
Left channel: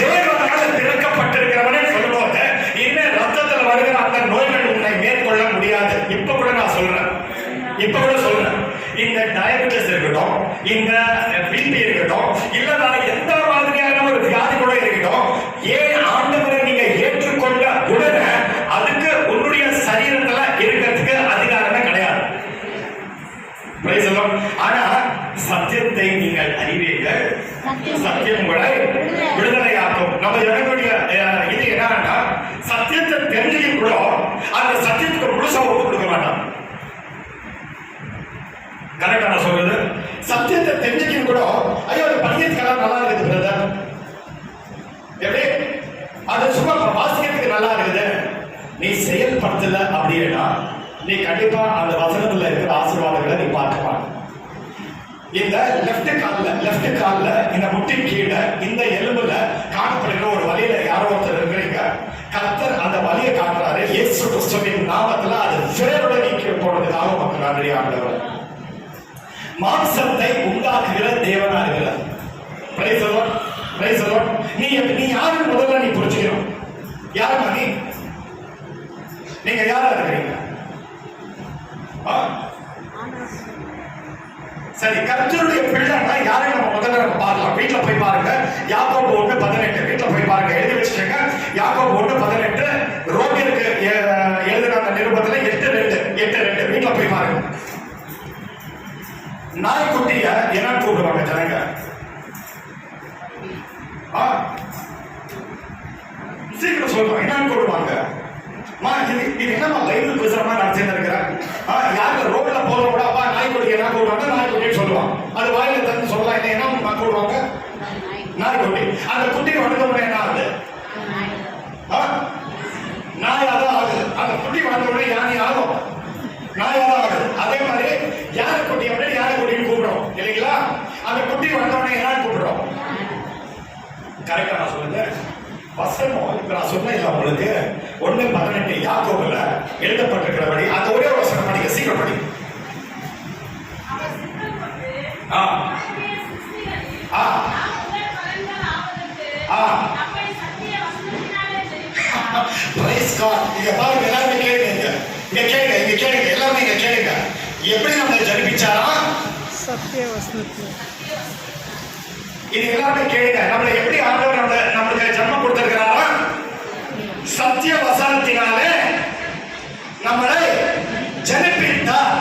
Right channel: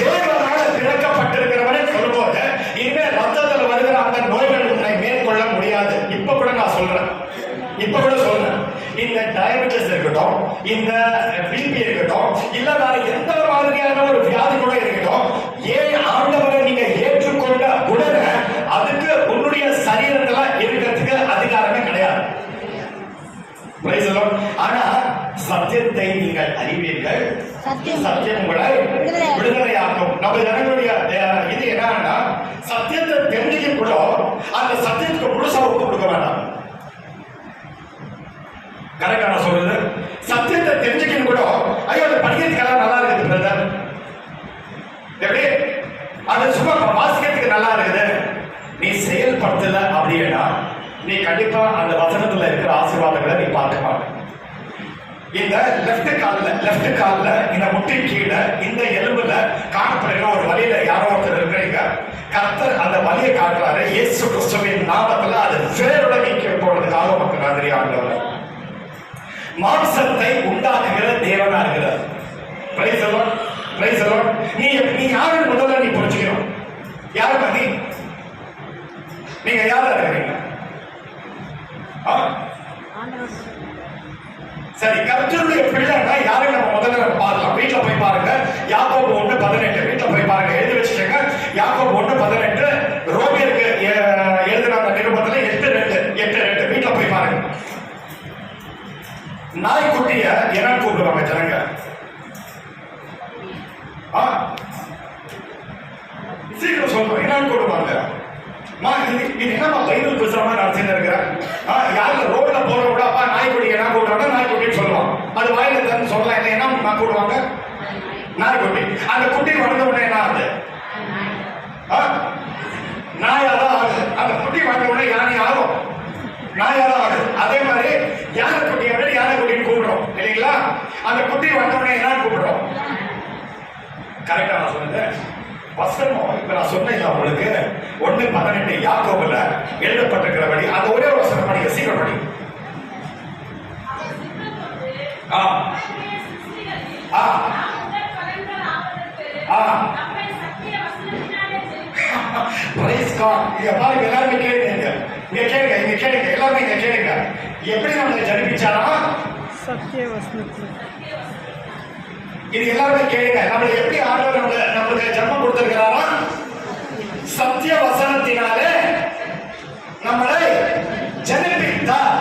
தேவனால பிறக்கப்பட்டிருக்கிறவனை சொல்லும்போது இனிமே ரத்தத்தில் வருகிற அந்த நோய்கள் உன்னை மேற்கொள்ள முடியாது. இப்ப கூட நான் சொல்றேன், இந்த டயபெட்டிஸ் இருக்கட்டும், இந்த பிபி இருக்கட்டும், இல்ல வேற எந்த மாதிரியான ஒரு வியாதி கூட இருக்கட்டும், ஏன் ஆண்டவரை நீங்க ஏற்றுக்கொண்ட உடனே அதுக்கு உன்னுடைய சரீரத்துல இருக்கிறதுக்கு அதிகாரமே கிடையாது. ஆனா சத்தியத்தை நீங்கள் அறிவீர்கள், சத்தியம் உங்களை விடுதலையாக்கும். நம்ம ஜனங்களுடைய இது என்னன்னா, சத்தியத்தை தெரிஞ்சுக்கும் கூட அந்த சத்தியத்துக்கு முழுசா ஒப்பு கொடுக்க வேண்டாம். கரெக்டா நான் சொல்றது? சத்தியத்தை தெரிஞ்சுக்கும் கூட ஐயோ அது படிக்கிறதுக்கெல்லாம் நல்லா இருக்குது பிரதர், எப்படி அது சும்மா வாசிக்கிறதுக்கு நல்லா இருக்குது, நீ செயல்படுத்தல அப்படின்னா நீ கண்டிப்பா அந்த வசனத்துல இருக்கிற ஆசீர்வாதங்களை நீ பார்க்க மாட்ட. இந்த லெஃப்ட் கால்ல இந்த முட்டின் கீழே இந்த எலும்புல காணப்படுகிற ஒரு வழியில யாரோ ஒருத்தர் இருக்கிறீங்க. கர்த்தர் அந்த வழியை காட்டுறாரு. இயேசு கிறிஸ்துவின் நாமத்துல அது வேரோட நீக்கி போனதுக்காக மக்கள் நன்றி ஆண்டவர். மாம்சத்தை உண்டாக்குகிற தேவனா இருக்கிறார். நீ யாருன்னு முதல்ல நீ புரிஞ்சுக்கணும். யாருமா நீங்க யாரா இருக்கிறீங்க? சரி, கர்த்தருடைய பிள்ளைன்னா யாரும் நம்ம முதல்ல பார்க்கலாம். வீட்டுல போய் பாருங்க, யாக்கோபு 1:18 வீட்டுல போய் பாருங்க, எழுதி வச்சுக்கோங்க. யாக்கோபு 1:18 ரோமியருக்கு எழுதினாங்க நிருபத்துல 8:2 வீட்டுல போய் பாருங்க. நாய்க்குட்டிய என்ன கூப்பிடுவாங்க ஜனங்க? சீக்கிரம் சொல்றோம் என்னன்னு கூடுவாங்க. இது என்னமா பைபிள் பேசுற மாதிரி நடத்திட்டு இருக்கிறேன். யாருல ரோட்ல போறவங்க அப்பா நாய்க்குட்டி என்ன கூடுவாங்க, நாய்க்குட்டின்னு சொல்லுவான். அது வாயில தந்து சொல்லலாம் என்ன கூடுவாங்க, நாய்க்குட்டி. அந்த குட்டி வளர்ந்த உடனே என்ன ஆகுது, நாயாதான் ஆகுது. அந்த குட்டி வளர்ந்த உடனே யானை ஆகும், நாயாதான் ஆகுது. அதே மாதிரி யானை குட்டியை விட யானை குட்டின்னு கூப்பிடுறோம் இல்லைங்களா. அந்த குட்டி வளர்ந்த உடனே என்ன கூப்பிடுறோம். கரெக்டா நான் சொல்லுங்க. வசனம் இப்ப நான் சொன்னேன் உங்களுக்கு 1:18 யாக்கோபுல எழுதப்பட்டிருக்கிறபடி அந்த ஒரே வசனம் படிக்க, சீக்கிரம் படிக்க. பாருங்க எல்லாருமே கேளுங்க, இங்க கேளுங்க, இங்க கேளுங்க, எல்லாமே இங்க கேளுங்க. எப்படி நம்மளை ஜனிப்பிச்சாரா, சத்திய வசனத்துல. இது எல்லாருமே கேளுங்க. நம்மளை எப்படி ஆண்டவர் நம்மளுக்கு ஜன்மம் கொடுத்திருக்கிறாரா, சத்திய வசனத்தினாலே நம்மளை ஜனிப்பித்தார்.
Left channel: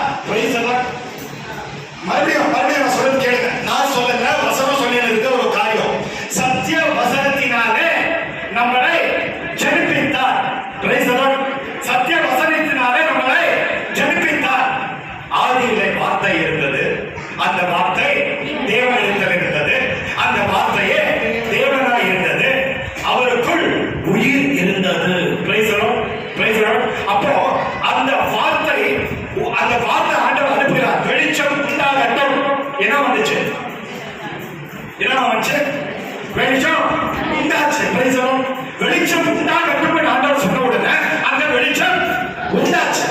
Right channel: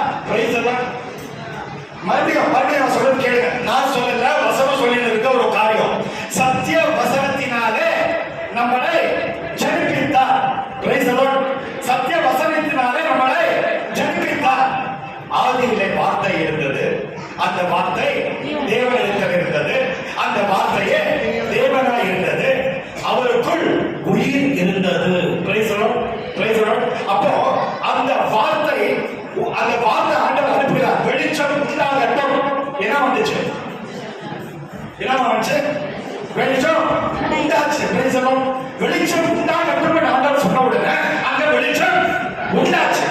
மறுபடியும் நான் சொல்றது கேளுங்க. நான் சொல்லல, வசனம் சொல்லி இருக்க ஒரு காரியம். சத்திய வசனத்தினாலே நம்மளை ஜனிப்பித்தார். சத்திய வசனத்தினாலே நம்மளை ஜனிப்பித்தார். ஆதியிலே வார்த்தை இருந்தது, அந்த வார்த்தை தேவனிடத்தில் இருந்தது, அந்த வார்த்தையே தேவனாய் இருந்தது, அவருக்குள் உயிர் இருந்தது. அப்போ அந்த வார்த்தை ஆண்டவர் அனுப்புகிறார். வெளிச்சம் உண்டாகட்டும். என்ன வந்துச்சு, வெளிச்சம் உண்டாச்சு. வெளிச்சம் உண்டாகட்டும் ஆண்டவர் சொன்ன உடனே அந்த வெளிச்சம் உண்டாச்சு.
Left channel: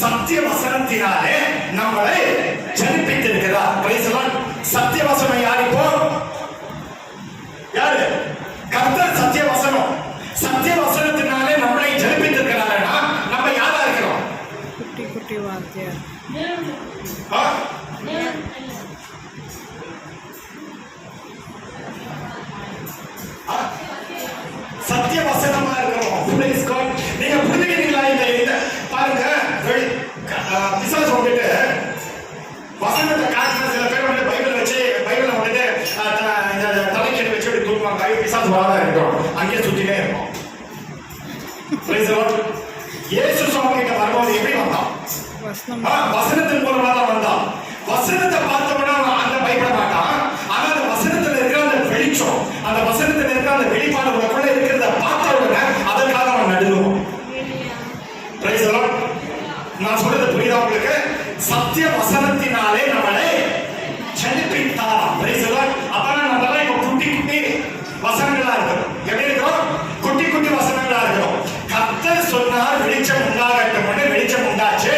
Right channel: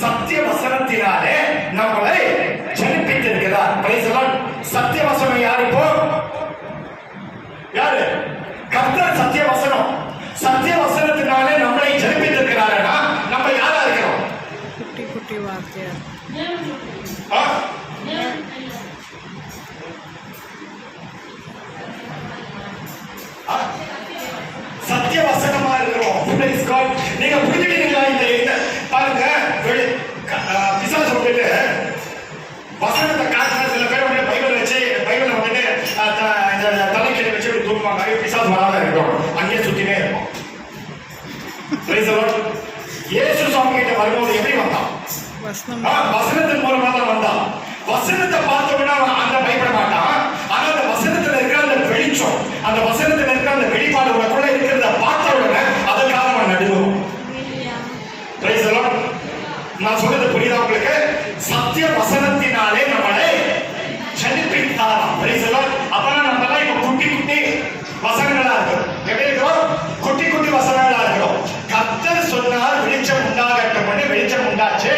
சத்திய வசனத்தினாலே நம்மளை ஜனிப்பித்திருக்கிறார். சத்திய வசனம் யார், இப்போ யாரு, கர்த்தர். சத்திய வசனம், சத்திய வசனத்தினாலே நம்மளை ஜனிப்பித்திருக்கிறாருன்னா நம்ம யாரா இருக்கிறோம், குட்டி குட்டி வார்த்தையார். சத்திய வசனமா இருக்கிறோம். நீங்க புரிஞ்சுக்கிறீங்களா? இந்த பாருங்க, பிசாசு வந்துட்டு வசனத்தை காட்டுற சில பேர் வந்து பைபிள் வச்சு பைபிள் வந்துட்டு இந்த தலைக்கீழ வச்சு இப்படி தூக்குவாங்க. பிசாசு வராத இருக்கும், அங்கேயே சுத்தினே இருக்கும். இயேசு சுவாமி கிட்ட வரும்போது எப்படி வந்தான், வசனத்தின் மூலமா தான் வந்தான். வசனத்தை பார்த்தோம்னா அந்த பயப்பட மாட்டான். ஆனா அந்த வசனத்துல இருக்கிற அந்த வெளிச்சம், அந்த வசனத்துல இருக்கிற அந்த வெளிப்பாடு உனக்குள்ள இருக்கிறத பார்த்த உடனே அதற்காக அவன் நடுவோம். நான் சொல்றது புரியுதா உங்களுக்கு? சத்திய வசனத்தினாலே நம்மளை ஜனிப்பித்தாராம். அப்ப நம்ம எல்லாம் இப்ப குட்டி குட்டி வசனங்களா இருக்கும். எப்படி இருக்கிறோம், குட்டி குட்டி வசனங்களா இருக்கிறோம். கர்த்தர் சொன்னார் வெளிச்சம் உண்டாகட்டும், வெளிச்சம் உண்டாச்சு.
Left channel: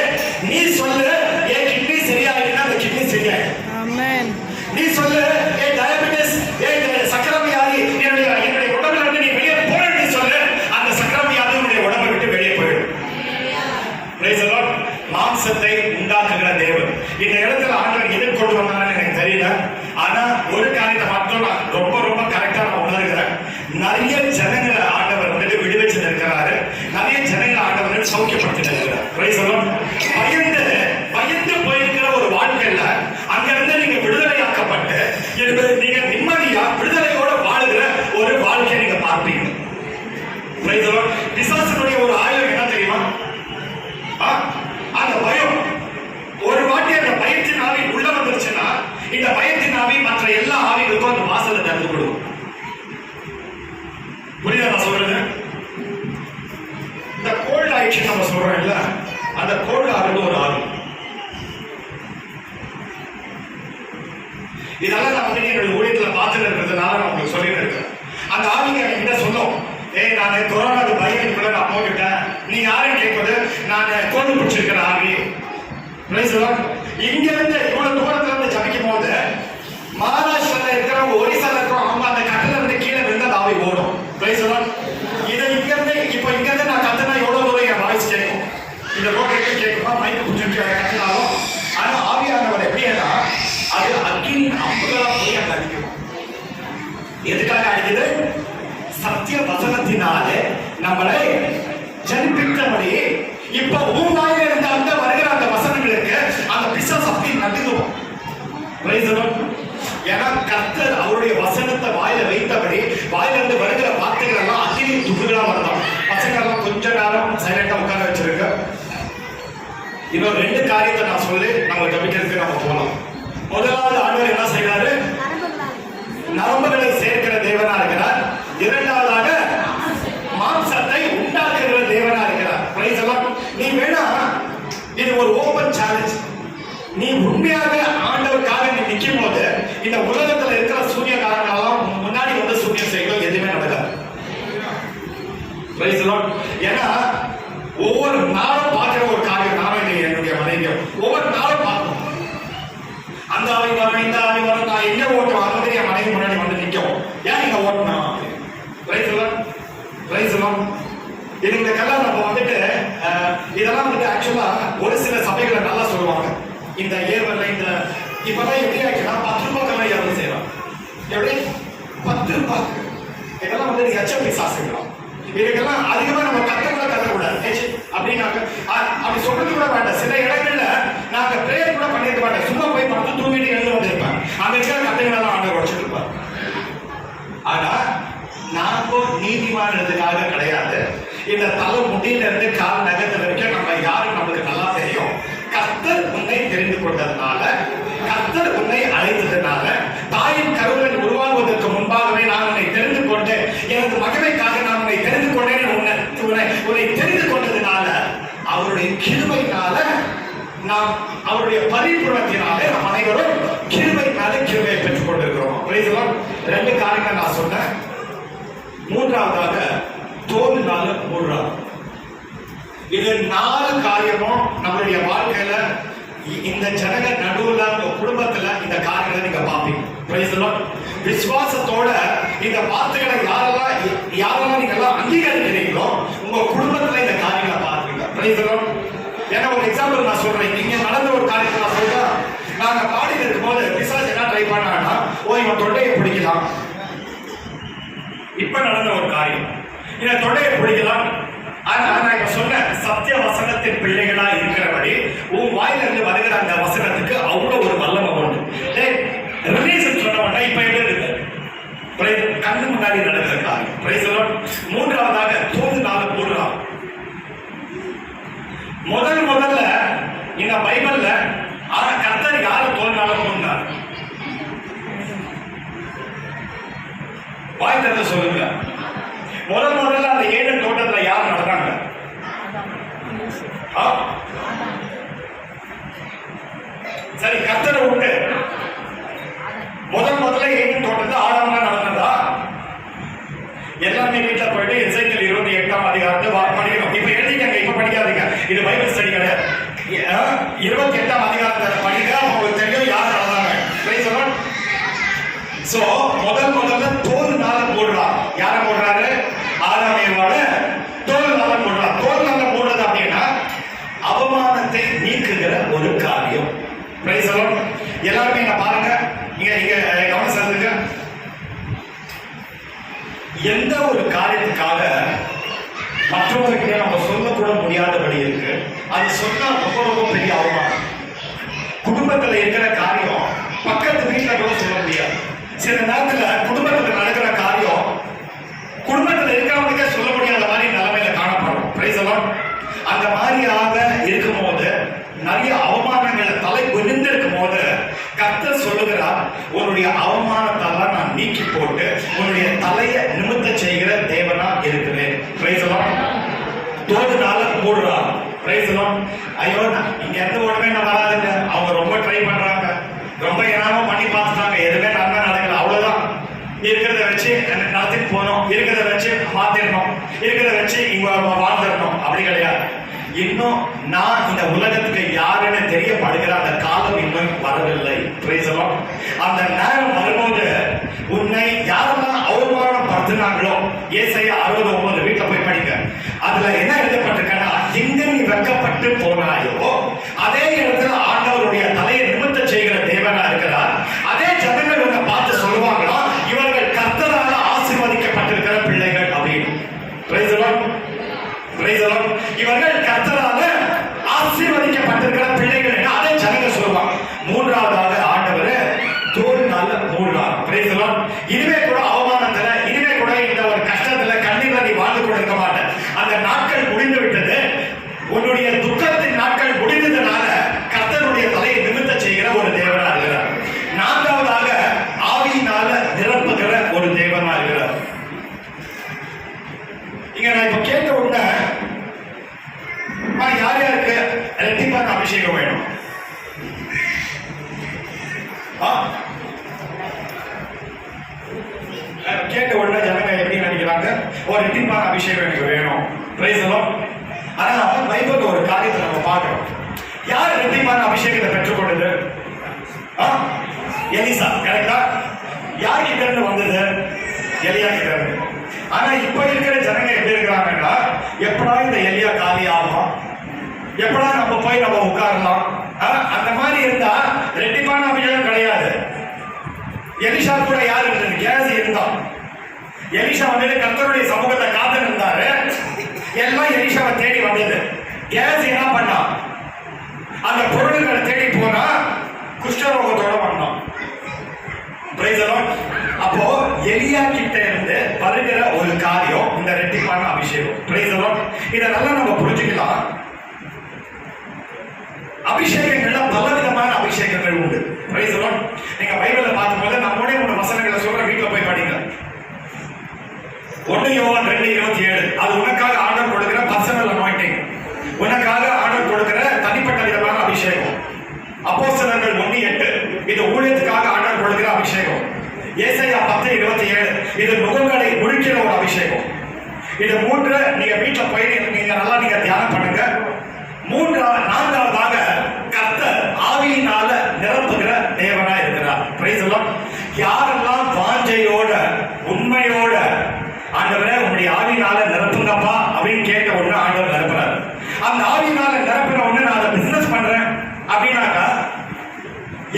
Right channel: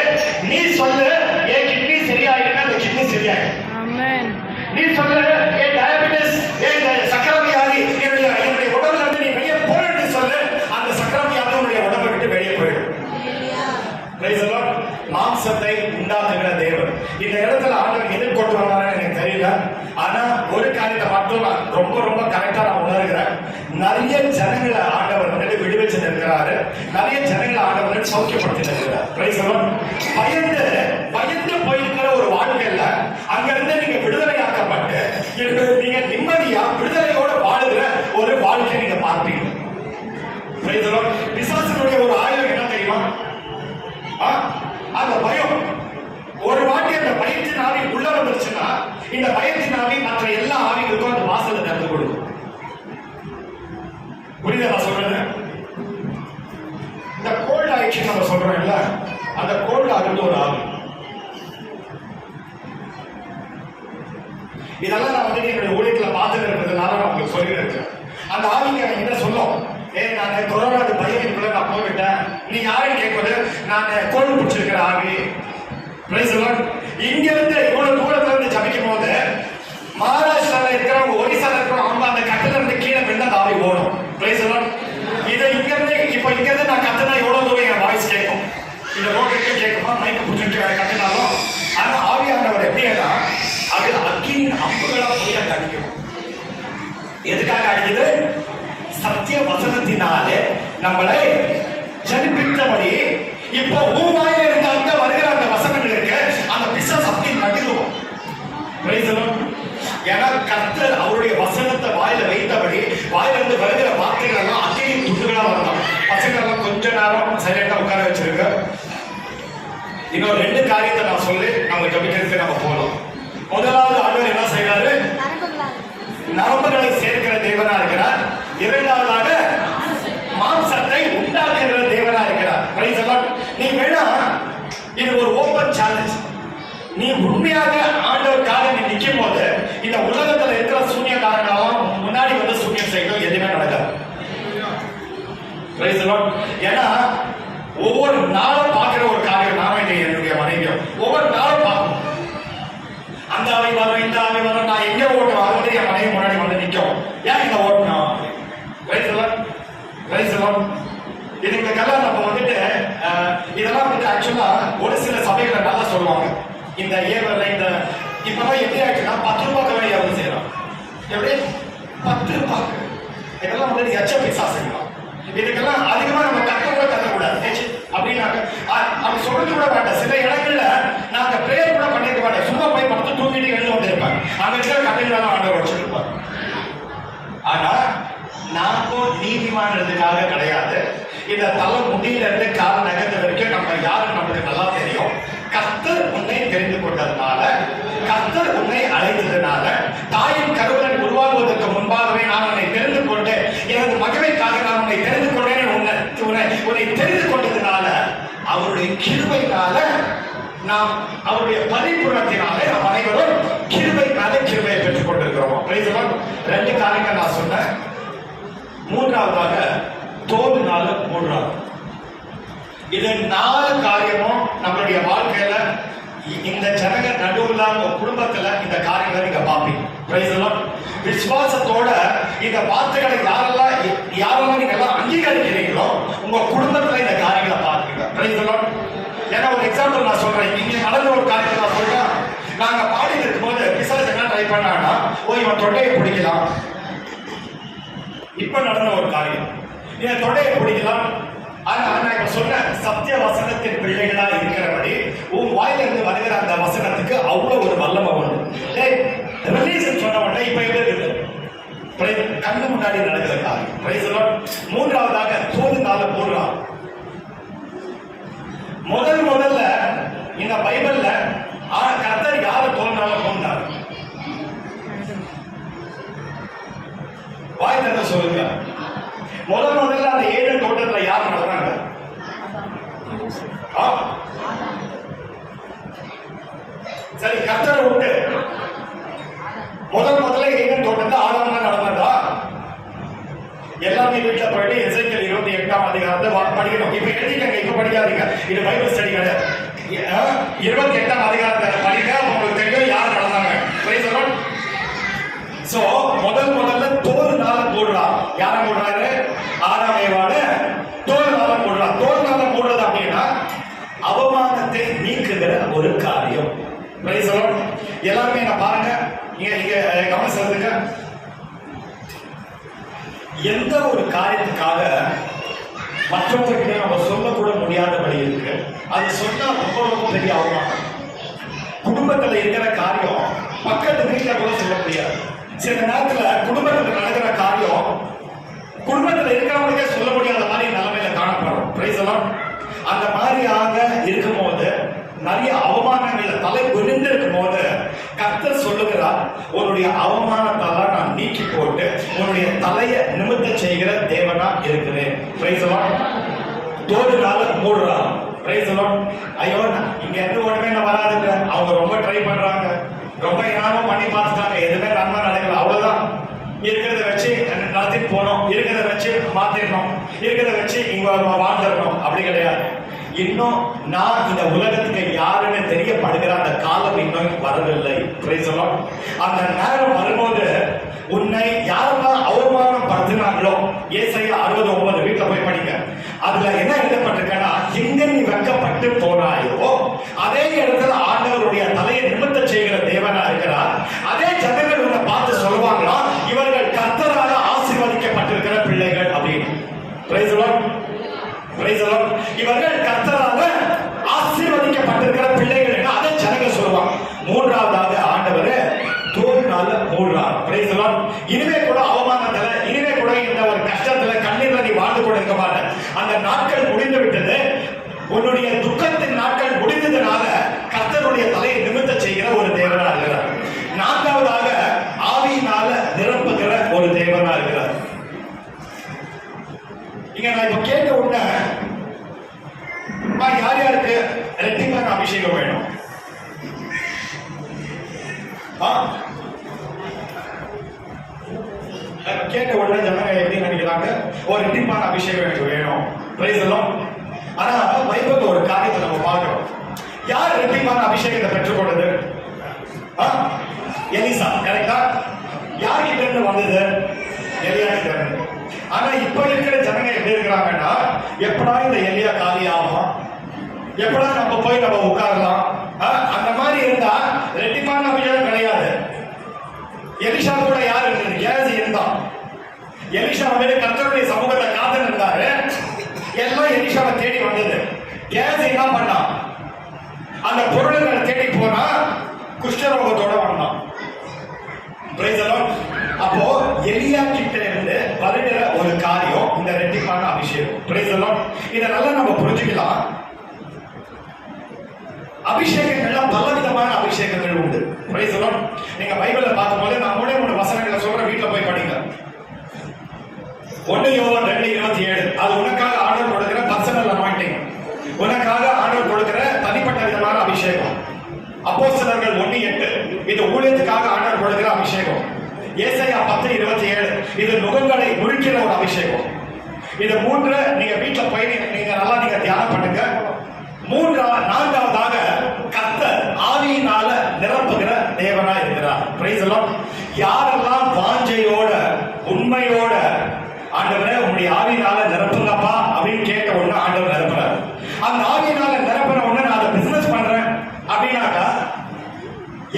நீ சொல்லு, என் கிட்னி சரியாயிடுனா அந்த கிட்னி சரியாயிடும். ஆமென். நீ சொல்லு, என் டயபெட்டிஸ், என் சக்கரை வியாதி என்னுடைய உடம்புல இருந்து நீ வெளியே போற, நீ சொல்லு, அந்த சக்கரை வியாதி உன்னுடைய உடம்பை விட்டு வெளியே போயிடும். மாம்சத்தை உண்டாக்குகிற தேவன். இந்த இடத்துல ஆண்டவர் எதை கொண்டு வந்தாருன்னு எனக்கு தெரியல. ஆனா ஒரு காரியத்தை மட்டும் நான் ரொம்ப ரொம்ப கரெக்டா நான் உணர்கிறேன். நிறைய ஜனங்களை ஆண்டவர் வந்துட்டு விடுவிச்சு இருக்கிறாரு. நிறைய ஜனங்களை ஆண்டவர் சௌக்கியப்படுத்தி இருக்கிறார். பயந்து போயிருக்கிற ஒரு வாழ்க்கையில அங்கிருந்து நீங்க விடுதலையாக்கப்பட்டு நீங்க நிம்மதியா விடுதலையோட வாழுகிற ஒரு வாழ்க்கையை நீங்க பார்ப்பீங்க. பிசாசனுடைய ஒரு ஆயுதம் என்ன தெரியுமா, அந்த பயம். ஒரு வாட்டி அந்த பயத்தின் ஆவி உள்ள வந்துருச்சுன்னா இந்த பயத்தின் ஆவி மற்ற எல்லா ஆவிகளுக்கும் அந்த வாசலை திறந்து கொடுக்கும். புரியுதா நான் சொல்றது? இந்த கோல்ட் ஆக்ஷன் நம்ம சொல்றோம் இல்ல, அந்த கோல்ட் ஆகுது ஒரு ஆவி. இதெல்லாம் நான் வந்து என்னுடைய ஊழியத்துல பார்த்துட்டு இருக்கிறதுனால நான் உங்களுக்கு சொல்லிட்டு இருக்கேன். அந்த ஆவிங்க என்கிட்ட சொல்லும், நான் கொரோனாக்கு பயத்துக்குள்ள நான் போயிட்டேன், நீ யாரும் கேட்பது, நான் கோல்டு பிடிச்சிருக்கிற ஆவி. இங்க இருந்து இவ்வளவு தூரத்துல இருந்து ஜபிக்கும் போது மகாராஷ்டிரால இருக்கிறவங்க, ஒரிசால இருக்கிறவங்க, அவங்க அந்த கட்டில இருந்து கீழே விழுந்த அந்த ஆவி ஓடும். இதை இங்க இருந்து இப்ப இங்க இருந்து நான் கத்துனா எவ்வளவு தூரம் என் வாய்ஸ் கேட்கும், இந்த ரோட்டுக்கு கேட்குமா, மைக்கு பிடிச்சிட்டு கட்டினாலும். ஆனா ஆவியானவர் எப்படின்னா அது அக்கினியின் அம்புகளா போய் அங்க அடிக்கும். எதுக்காக அடிக்குது? சத்திய வசனத்தினாலே நம்மளை ஜனிப்பித்தபடி. இப்ப ஊவாயில இருந்த அந்த வருகிற அந்த வசனங்களுக்கு அந்த பிசாசு அப்படி நடுங்குவோம். ஏன்னா கர்த்தர் அவருடைய வசனத்தை வாயில வைத்தபடி வாயிலிருந்து வருகிற வார்த்தைகள் இன்னும் ரெண்டு காரியத்தை நான் சொல்லி நம்ம ஜபிக்கிறதுக்கு நம்ம போகலாம். முதலாவது ஆண்டவர் என்ன செய்யறாரு? நரம்புகளை சேர்க்கிற தேவனா இருக்கிறார். இரண்டாவதாக மாம்சத்தை உண்டாக்குகிற தேவனா இருக்கிறார். பிரைஸ் எல்லாம். நீ வேணா இது ஒரு ஓபன் சேலஞ்ச். நீ உண்மையாக ஆண்டவருக்காக நீ நிற்கும் போது இந்த உலகத்துல இருக்கிற சூன்யக்காரங்களெல்லாம் முன்னாடி வந்து சூன்யம் செய்யணும், எதுவுமே நடக்காது. பிரைஸ் எல்லாம். ஏன்னா ஒவ்வொரு நாளும் பார்க்கிற ஒரு காரியம், நாம என்னுடைய மனைவியும் ஒவ்வொரு நாளும் பார்க்கணும். அந்த ஆவி வரும், இந்த ஆவி வரும், நான் எங்கே ஓட்டணும் அது மாதிரி என் மனைவி முன்னாடி வந்து நிற்கும். ஏன் இங்க ஓட்டணும்? பிரைஸ் எல்லாம். பிரைஸ் எல்லாம். இது இந்த கல்யாணம் நம்ம வந்துட்டு இதெல்லாம் வந்துட்டு ஆக்சுவலா ஒரு சில சபைகளை நல்லா சொல்லுவாங்க. இந்த ஏவர்ல இந்த இப்பதான் எப்படி ஆச்சுன்னா 10 ரூபாய் கவலை எவ்வளவு செய்யலாம்? எப்படி 10 ரூபாய்? இதெல்லாம் வந்து எச்எப்பி சாஸ்திரம். இதுக்கெல்லாம் அதிகமா நம்ம கத்தக்கூடாது அப்படின்னாக்க அப்படி சொல்றது கூட வேண்டாம். சில இடங்கள்ல நாங்க பிரேயர் கூட பண்ணிருக்க மாட்டோம். சும்மா போய் படுத்து தூங்கிட்டு எழுந்து கொண்டு இருப்பேன். அங்க இருக்கிற கதைகளெல்லாம் ஆண்டவர் வச்சிருப்பார். ஆனா நாம நீதிமானதுக்காக கிடையாது. இந்த தலை முடியில இருந்து கால் நகர்ந்த வரைக்கும் நம்ம யாரும் நமக்கு நல்லா தெரியும். கர்த்தர் உன்னை தெரிந்து கொண்டதுனால, கர்த்தர் உன்னை அழைத்ததுனால, தாயின் கருவுடன் உருவாகுவதற்கு முன்பாகவே நான் உன்னை தெரிந்து கொண்டேன், எனது மகனுக்காக நான் உன்னை தெரிந்து கொண்டேன். உன்னை தெரிந்து கொண்டதுனால, அவருடைய கிருபையினால, நாம் அவருடைய பரிபூரணத்தினாலே நம் அனைவரும் கிருபையினால கிருபையை பெற்றுக் கொண்டிருக்கிறோம். ரெண்டு காரியங்கள் நான் சொன்னேன். மூன்றாவதாக தோல்வினால மூன்றாவது. இது 4 காரியமும் நம்மளுடைய வாழ்க்கையில இந்த ஜனங்க நடுவுல குடும்பத்துல இந்த காரியங்களை நீங்க பாப்பீங்க. விசுவாசத்தோட இந்த வார்த்தைகளை யாரெல்லாம் நீங்க எல்லாம் அங்கீகரிக்கிறீங்களோ உங்க குடும்பத்துல இந்த காரியங்களை பாருங்க. ஏன்னா ஒரு எக்ஸாம்பிள் நான் சொல்றேன். நீங்க நடந்த ஒரு காரியத்தை நான் சொல்றேன். நாங்க பாடிட்டு இருக்கும் போது பிசாசு என்ன ட்ரை பண்ணான்னா, இவன் தொண்டையை பிடிக்கலாம். இப்ப நடந்த ஒரு காரியம், இந்த தொண்டையை பிடிக்கலாம். ஆனா நான் இப்ப சொன்ன சத்திய வசனத்தின் பிள்ளைகளா இருக்கிறபடி உன் வாயில இருந்து வருகிற அந்த வசனத்துக்கு அவ்வளவு ஒரு வல்லமை உண்டு. ரிலீஸ் சொன்ன உடனே இப்ப எப்படி இருக்கு? கண்ணு முன்னாடி நடக்கிற காரியம். மூன்றாவதாக தோல்வினால மூன்றாவது. முதல்ல இந்த பைபிள்ல கர்த்தர் யாரை தோன்றாலும் போனார்? வாய் தந்த சொல்லுங்க. முதல்ல அந்த ஏழு தோட்டத்துல யார் நடந்தாங்க? சரி, கர்த்தர் உண்டு. முதல்ல ஏழு தோட்டத்துல ஆடாம நடந்ததா? எல்லாமே வீட்டுல போயிட்டு எசேக்கியேல் 28ஆம் அதிகாரத்தை படிக்கணும். இப்ப எழுதிக்கங்க, இப்ப படிக்காதீங்க. இது பைபிள் ஸ்டடி கிடையாது. 28ஆம் அதிகாரத்தை படிக்க உங்களுக்கு தெரியும் யார் நடந்தாங்க. சோ முதல்ல தோல்னால மூடுறா. யார மூடுறாரு? ஆதாம் ஏவாள தோல்னால மூடுறா. தோல்னால மூடுறது அப்படின்னா அவமானத்தை நீக்குகிற ஒரு காரியம். எல்லாருமே நான் பாருங்க, இங்க கவனம் செலுத்துங்க. எந்த ஒரு காரியத்துக்காக மற்றவர்கிட்ட நம்ம சொல்லக்கூட முடியாதபடி இருக்கு, அது சொன்னா ரொம்ப பெரிய அவமானம். குடும்பத்துல இருக்கிற காரியம் பக்கத்து வீட்டுல கூட சொல்ல முடியாது. சில நேரத்துல குடும்பத்துல நடக்கிற காரியம் குடும்பத்துல இருக்கிறவங்களுக்கே சொல்ல முடியாத மாதிரி நிலைமையில காணப்படும். அந்த மாதிரியாக இருக்கும் போது, நிறைய அவமானங்கள்ல தலை குனிந்து இருக்கும் போது கர்த்தர் சொல்லுகிறார், உன்னுடைய அவமானத்தால் நான் நீக்கி போட்டு உன்னுடைய தலையை நிமித்த செய்கிற தேவனா இருக்கிறேன். தோடுனால மூடுறா. ஐயோ, இங்க எந்த ஒண்ணுமே வராதுங்க. அவங்க ரொம்ப ட்ரை பண்றாங்க, ரொம்ப என்னமோ பண்ணி பார்த்துட்டாங்க, எதுவுமே நன்மை நடக்கல. அவ்வளவுதான். இருக்கிறத வச்சு நடத்திட்டு போனோம், இருக்கிறத வச்சு மாத்திரணும், இருக்கிறத வச்சு இங்க வாழ்ந்துடணும். அப்படி கிடையாது. இன்னும் நான் இந்த உலகத்துக்கு யாருன்னு தெரியப்படுகிற அந்த காலம் இன்னும் வரவில்லை. அந்த நேரம் வரும்போது உன்னை யாரெல்லாம் அவமானப்படுத்தினாங்களோ, ஏசாயா 60:9 வீட்டுல போய் படிங்க. அதுல என்ன எழுதப்பட்டிருக்கா, எங்க நீ வெட்கப்பட்டு போனாயோ அதே இடத்துல ஆண்டவருடைய தலையை நிமித்த செய்கிற தேவனா இருக்கிறார். அதே ஜனங்கள் உன்னை பார்த்து சொல்லுவாங்களா, இவர்கள் கர்த்தரால ஆசீர்வதிக்கப்பட்டிருக்கிற பிள்ளைகள் அப்படின்னு. இவர்கள் கர்த்தரால ஆசீர்வதிக்கப்பட்டிருக்கிற பிள்ளைகள், அதை ஜனங்க சொல்லுவாங்க. மூன்றாவதாக ஆண்டவர் தோல்னால மூடுறார். இனிமே கூட அவமானத்துல, இனிமே கூட இந்த ஒரு கஷ்டத்துல கண்ணீர்ல நீ வாழ்ந்து கூட இருக்க மாட்டேன். அந்த நாட்கள் முடிந்து விட்டது. உன்னுடைய துக்கத்தின் நாட்கள் முடிந்தது. கூட ஜனங்க எப்படி நினைக்கிறாங்க, ஒரு ரெட்டிப்பான அபிஷேகம் எனக்கு வேணும். Price the Lord. ஆனா பைபிள்ல ஒரு காரியத்தை நம்ம பார்க்கிறோம். யார் ரெட்டிப்பான அபிஷேகத்தை பெற்றுக்கொண்டது? எலிசா. கரெக்டா? யார் கிட்ட இருந்து வந்தது? எலியா கிட்ட இருந்து. ஆனா இப்ப இருக்கிற ஜனங்க எப்படி இருக்கிறாங்கன்னா, எப்படா இந்த எலியா காலி ஆகும், எப்படா நம்ம போய் நம்ம உட்காரலாம், அந்த மாதிரி இருந்தா ரெட்டிப்பான அபிஷேகம் கிடையாது. எலிஷா கூட யார் இருந்தது? கேஸ் இருந்தான். எலிஷா வந்து கர்த்தருடைய சமூகத்தை காத்து இருந்தாரு. எல்லாம் எலிஷாவை தேடி வந்தது. கேஸ் என்ன பண்ணா? அந்த பொருள்களை தேடி போனா குஷ்டரோகத்தோட வந்தான். Price the Lord. அப்போ எலியா கிட்ட இருந்து வருகிற ஒரு காரியம் இந்த ரெட்டிப்பான அபிஷேகம். Price the Lord. இத நல்லா நம்ம புரிஞ்சுக்கலாம். அபிஷேகங்கள்ல பலவிதமான அபிஷேகங்கள் உண்டு. Price the Lord. நீங்க பைபிள்ல பார்க்கும்போது நம்மளே ஒரு வசனங்களை சொல்ற, வீட்டுல போய் படிங்க. 1 யோவான் 2:27. அது உனக்காக ஆர்டர் கொடுக்கிற பர்சனல் அனாயிண்டிங், உனக்காக ஆர்டர் கொடுக்கிற தனிப்பட்ட விதமான அபிஷேகம். அப்போஸ்தலர்கள் 1:8. இது ஊழியத்துக்காக ஆர்டர் கொடுக்கிற அபிஷேகம். ஏசாயா 10:27. இது நுகங்களை முழிக்கிற ஒரு அபிஷேகம். இது 3 நீங்க வீட்டுல போய் நீங்க நல்லா தியானம் பண்ணுங்க. 4வதாக கர்த்தர் ஆவியினால நிரப்புகிற தேவனா இருக்கிறார். Price the Lord. யாரெல்லாம் வாஞ்சையோட உண்மையோட ஆண்டவரே உங்களுடைய ஆவியினால நிரப்புங்கப்பா அப்படின்னு கேட்ட உடனே ஆண்டவர் நிரப்புறாரு. அந்த ஆவியினால நிரப்புற உடனே நான் அதை பிசினஸ் பண்றேன் அப்படின்னாக்கா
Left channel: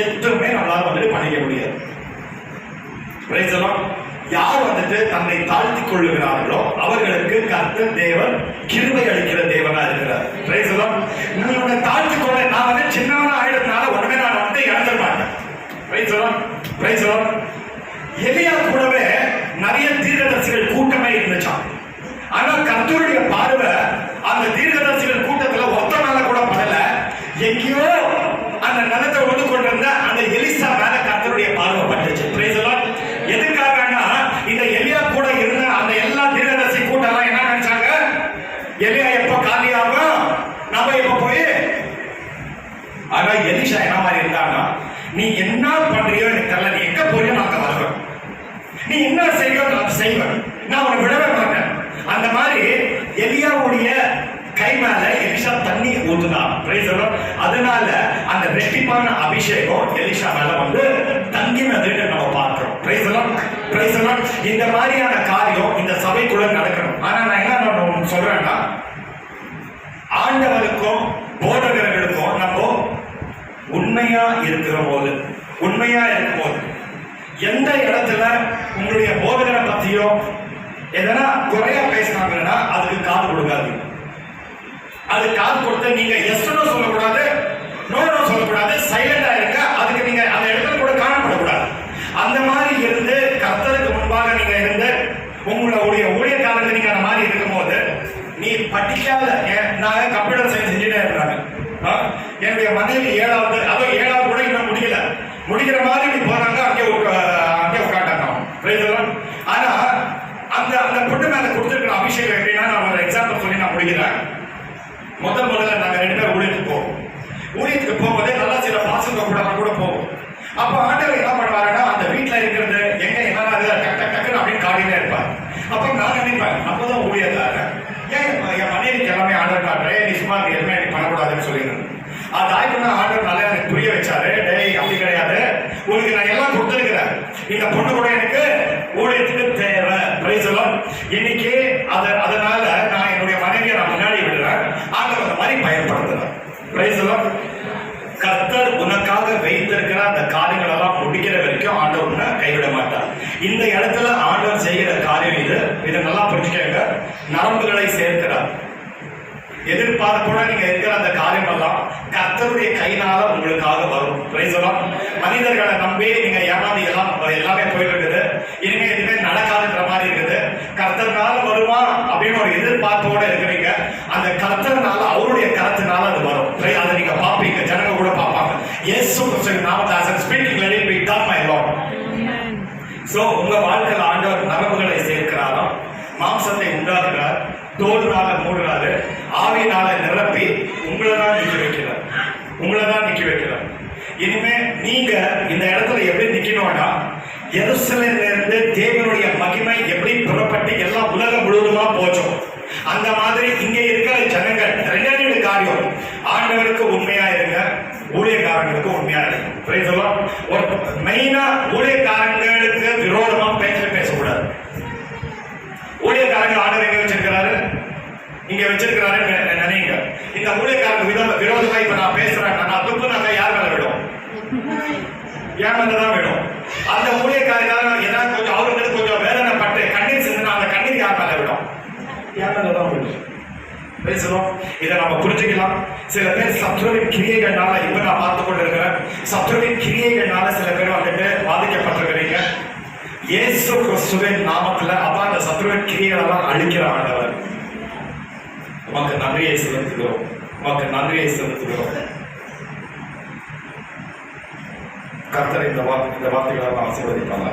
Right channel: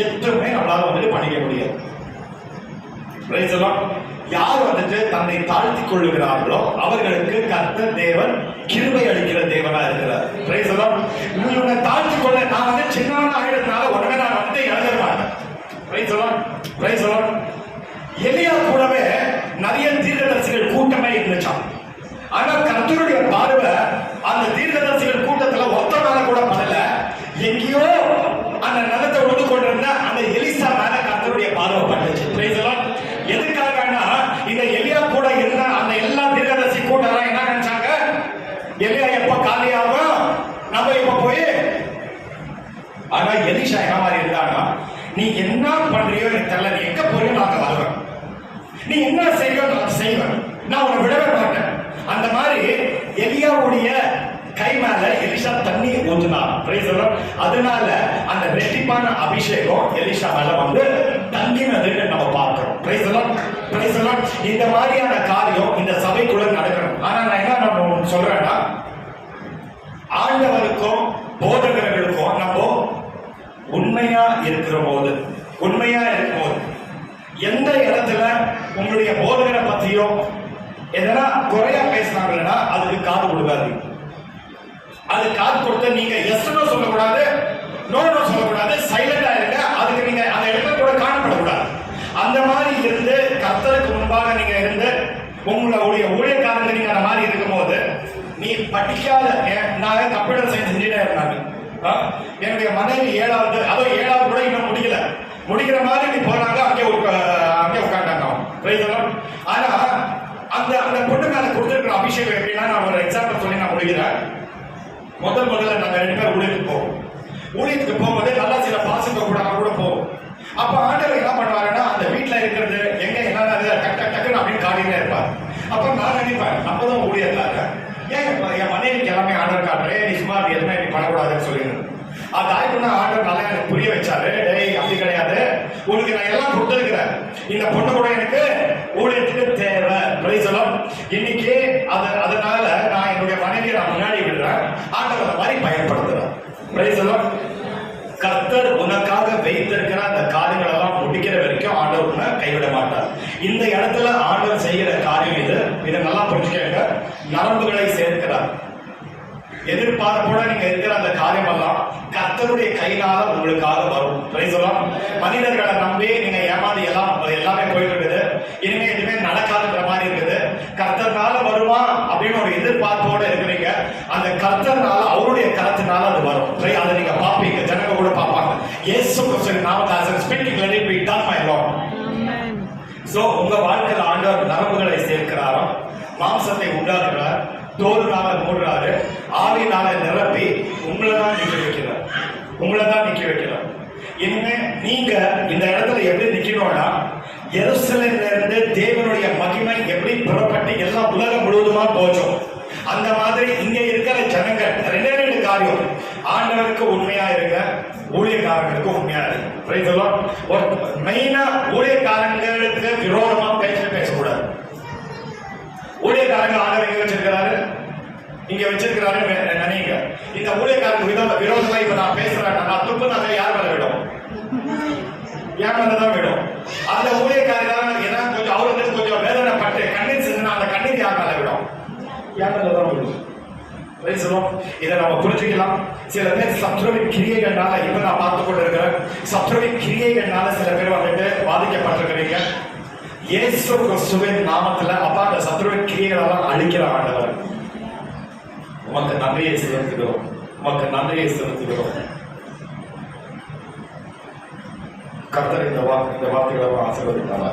எதுவுமே நம்மளால வந்துட்டு பண்ணிக்க முடியாது. Price the Lord. யார் வந்துட்டு தன்னை தாழ்த்தி கொள்ளுகிறார்களோ அவர்களுக்கு கர்த்தர் தேவன் கிருபை அளிக்கிற தேவனா இருக்கிறார். Price the Lord. உங்களை தாழ்த்தி கொள்ள நான் வந்து சின்னவனா ஆயிடுறதுனால உடனே நான் வந்து இழந்துட மாட்டேன். Price the Lord. Praise the Lord. எலியா கூடவே நிறைய தீர்க்கதரிசிகள் கூட்டமே இருந்துச்சான். ஆனா கர்த்தருடைய பார்வை அந்த தீர்க்கதரிசிகள் கூட்டத்துல ஒத்த மேல கூட படல. எங்கேயோ அந்த நிலத்தை ஒன்று கொண்டிருந்த அந்த எலிசா மேல கர்த்தருடைய பார்வை பட்டுச்சு. Price the Lord. எதுக்காகனா இந்த எலியா கூட இருந்த அந்த எல்லா தீர்க்கதரிசி கூட்டம் என்ன நினைச்சாங்க, எலியா எப்ப காலியாகும், நம்ம எப்ப போய். ஆனா எலிஷா என்ன மாதிரி இருந்தாங்கன்னா, நீ என்ன பண்றியோ எனக்கு தெரியல, நீ எங்க போறியோ நான் அங்க வருவேன், நீ என்ன செய்யோ நான் செய்வேன், நான் உன்னை விடவே மாட்டேன். அந்த மாதிரி எலியாவுடைய கை மேல எலிஷா தண்ணி ஊத்துனார். Price the Lord. அதனால அந்த ரெட்டிப்பான அபிஷேகம் எலிஷா மேல வந்து தங்கினதுன்னு நம்ம பார்க்கிறோம். Price the Lord. Praise the Lord. இந்த மாதிரியான காரியம் இந்த சபைக்குள்ள நடக்கணும். ஆனா நான் என்ன சொல்றேன்னா, ஆண்டவருக்கும் போதகர்களுக்கும் நம்ம உண்மையா இருக்கிற போது, உண்மையா இருக்கும் போது, எந்த இடத்துல உங்களுடைய போதகரை பத்தியோ எதனா குறையா பேசினாங்கன்னா அதுக்கு காது கொடுக்காது. அது காது கொடுத்து நீங்க எஸ்னோ சொல்லக்கூடாது, நோனோ சொல்லக்கூடாது, சைலண்டா இருங்க. அதுக்கு நீங்க அந்த இடத்துல கூட காணப்படக்கூடாது. அந்த மாதிரி இருந்து கர்த்தருக்கு முன்பாக நீங்க இருந்து உங்களுடைய ஊழியக்காரங்க நீங்க அந்த மாதிரி இருக்கும் போது, நீ படிக்காத, நான் கம்ப்யூட்டர் சயின்ஸ் இன்ஜினியர் இருந்தாங்க, என்னுடைய மனைவி 7வது கூட இன்னும் முடிக்கிற மாதிரி நீ போறாங்க, அங்கே உட்காண்டாங்க. ஆனா அந்த பொண்ணு மேல கொடுத்துருக்கிற அபிஷேகம் எப்படின்னா, நான் ஒரு எக்ஸாம்பிள் சொல்லி நான் முடிக்கிறேன். முதல்ல நாங்க 2 பேரும் ஊழியத்துக்கு போகும்போதே நல்லா சில பாசங்க கூட போவோம். அப்ப ஆண்டவர் என்ன பண்ணுவாருன்னா, அந்த வீட்டுல இருக்கிறது எங்க என்ன டக்குன்னு அப்படின்னு காட்டினே இருப்பார். அப்ப நான் நினைப்பேன், நம்ம தான் ஊழியத்தாங்க, ஏன் என் மனைவிக்கு எல்லாமே ஆர்டர் காட்டுறேன், நீ சும்மா எதுவுமே நீ பண்ணக்கூடாதுன்னு சொல்லிடுறேன். அது ஆயிட்டுனா ஆர்டர் நல்லா எனக்கு புரிய வச்சாரு. டேய் அப்படி கிடையாது, உனக்கு நான் எல்லாம் கொடுத்துருக்கிறேன், இந்த பொண்ணு கூட எனக்கு ஊழியத்துக்கு தேவை. Price the Lord. இன்னைக்கு அதனால நான் என்னுடைய மனைவியை நான் முன்னாடி விடுறேன், ஆண்டவர் அந்த மாதிரி பயன்படுத்துறேன். Price the Lord. கர்த்தர் உனக்காக வைத்திருக்கிற அந்த காரியங்கள் எல்லாம் முடிக்கிற வரைக்கும் ஆண்டவர் உன்னை கைவிட மாட்டார். இந்த இடத்துல ஆண்டவர் செய்கிற காரியம் இதை நல்லா புரிஞ்சுக்கங்க. நரம்புகளை சேர்க்கிறார். எதிர்பார்ப்போட நீங்க இருக்கிற அந்த காரியம் எல்லாம் கர்த்தருடைய கையினால உங்களுக்காக வரும். Price the Lord. மனிதர்களை நம்பி நீங்க ஏமாந்து எல்லாமே போயிட்டு இருக்குது, இனிமே எதுவுமே நடக்காதுன்ற மாதிரி இருக்குது. கர்த்தர்னால வருமா அப்படின்னு ஒரு எதிர்பார்ப்போட இருக்கிறீங்க. அந்த கர்த்தர்னால, அவருடைய கரத்தினால அது வரும். அதை நீங்க பாப்பீங்க, ஜனங்க கூட பார்ப்பாங்க. இயேசு கிறிஸ்துவின் நாமத்தில் speaking let it be done my Lord. Amen. So உங்க வாழ்க்கையில ஆண்டவர் நரம்புகளை சேர்க்கிறாராம், மாம்சத்தை உண்டாக்குறார், தோல்னால மூடுறாரு, ஆவியினால நிரப்பி உங்களை தான் நிக்க வைக்கிறார். இனிமே நீங்க இந்த இடத்துல எப்படி நிக்கணும்னா, எருசலேம்ல இருந்து தேவனுடைய மகிமை எப்படி புறப்பட்டு எல்லாம் உலகம் முழுவதுமா போச்சோம், அந்த மாதிரி இங்க இருக்கிற ஜனங்கள் ரெண்டு காரியம். ஆண்டவருக்கு உண்மையா இருங்க, ஊழியக்காரங்களுக்கு உண்மையா இருங்க. ஒரு மெயினா ஊழியக்காரங்களுக்கு விரோதமா பேசக்கூடாது. ஊழியக்காரங்க ஆண்டவர் எங்க வச்சிருக்கிறாரு, இங்க வச்சிருக்கிறாரு நினைங்க. இந்த ஊழியக்காரங்க விரோதமா இப்ப நான் பேசுறேன், நான் துப்பு நாங்க யார் மேல விடும், என் மேலதான் விடும். அந்த ஊழியக்காரங்க ஏதாவது கொஞ்சம் அவங்களுக்கு கொஞ்சம் வேதனை பட்டு கண்ணீர் செஞ்சா அந்த கண்ணீர் யார் மேல விடும், என் மேலதான் விடும். இதை நம்ம புரிஞ்சுக்கலாம். சில பேர் சத்ருவின் கிரியைகள்னால, இப்ப நான் பார்த்து கொண்டு இருக்கிறேன், சத்ருவின் கிரியைகள்னால சில பேர் வந்துட்டு பாதிக்கப்பட்டிருக்கிறீங்க. இயேசு கிறிஸ்துவின் நாமத்துல அப்பா அந்த சத்ருவின் கிரியைகளெல்லாம் அழிக்கிற ஆண்டவர், உமக்கு நன்றியை செலுத்துகிறோம், உமக்கு நன்றியை செலுத்துகிறோம். கர்த்தர் இந்த வார்த்தைகளை ஆசீர்வதிப்பாங்க.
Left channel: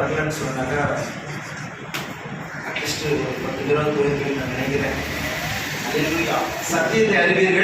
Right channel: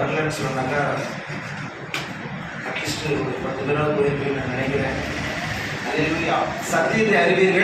வரலன்னு சொன்னாக்கா அட்லீஸ்ட் ஒரு 10 தடவை போயிருக்கேன் நான் நினைக்கிறேன். சத்தியத்தை அறிவீர்கள்,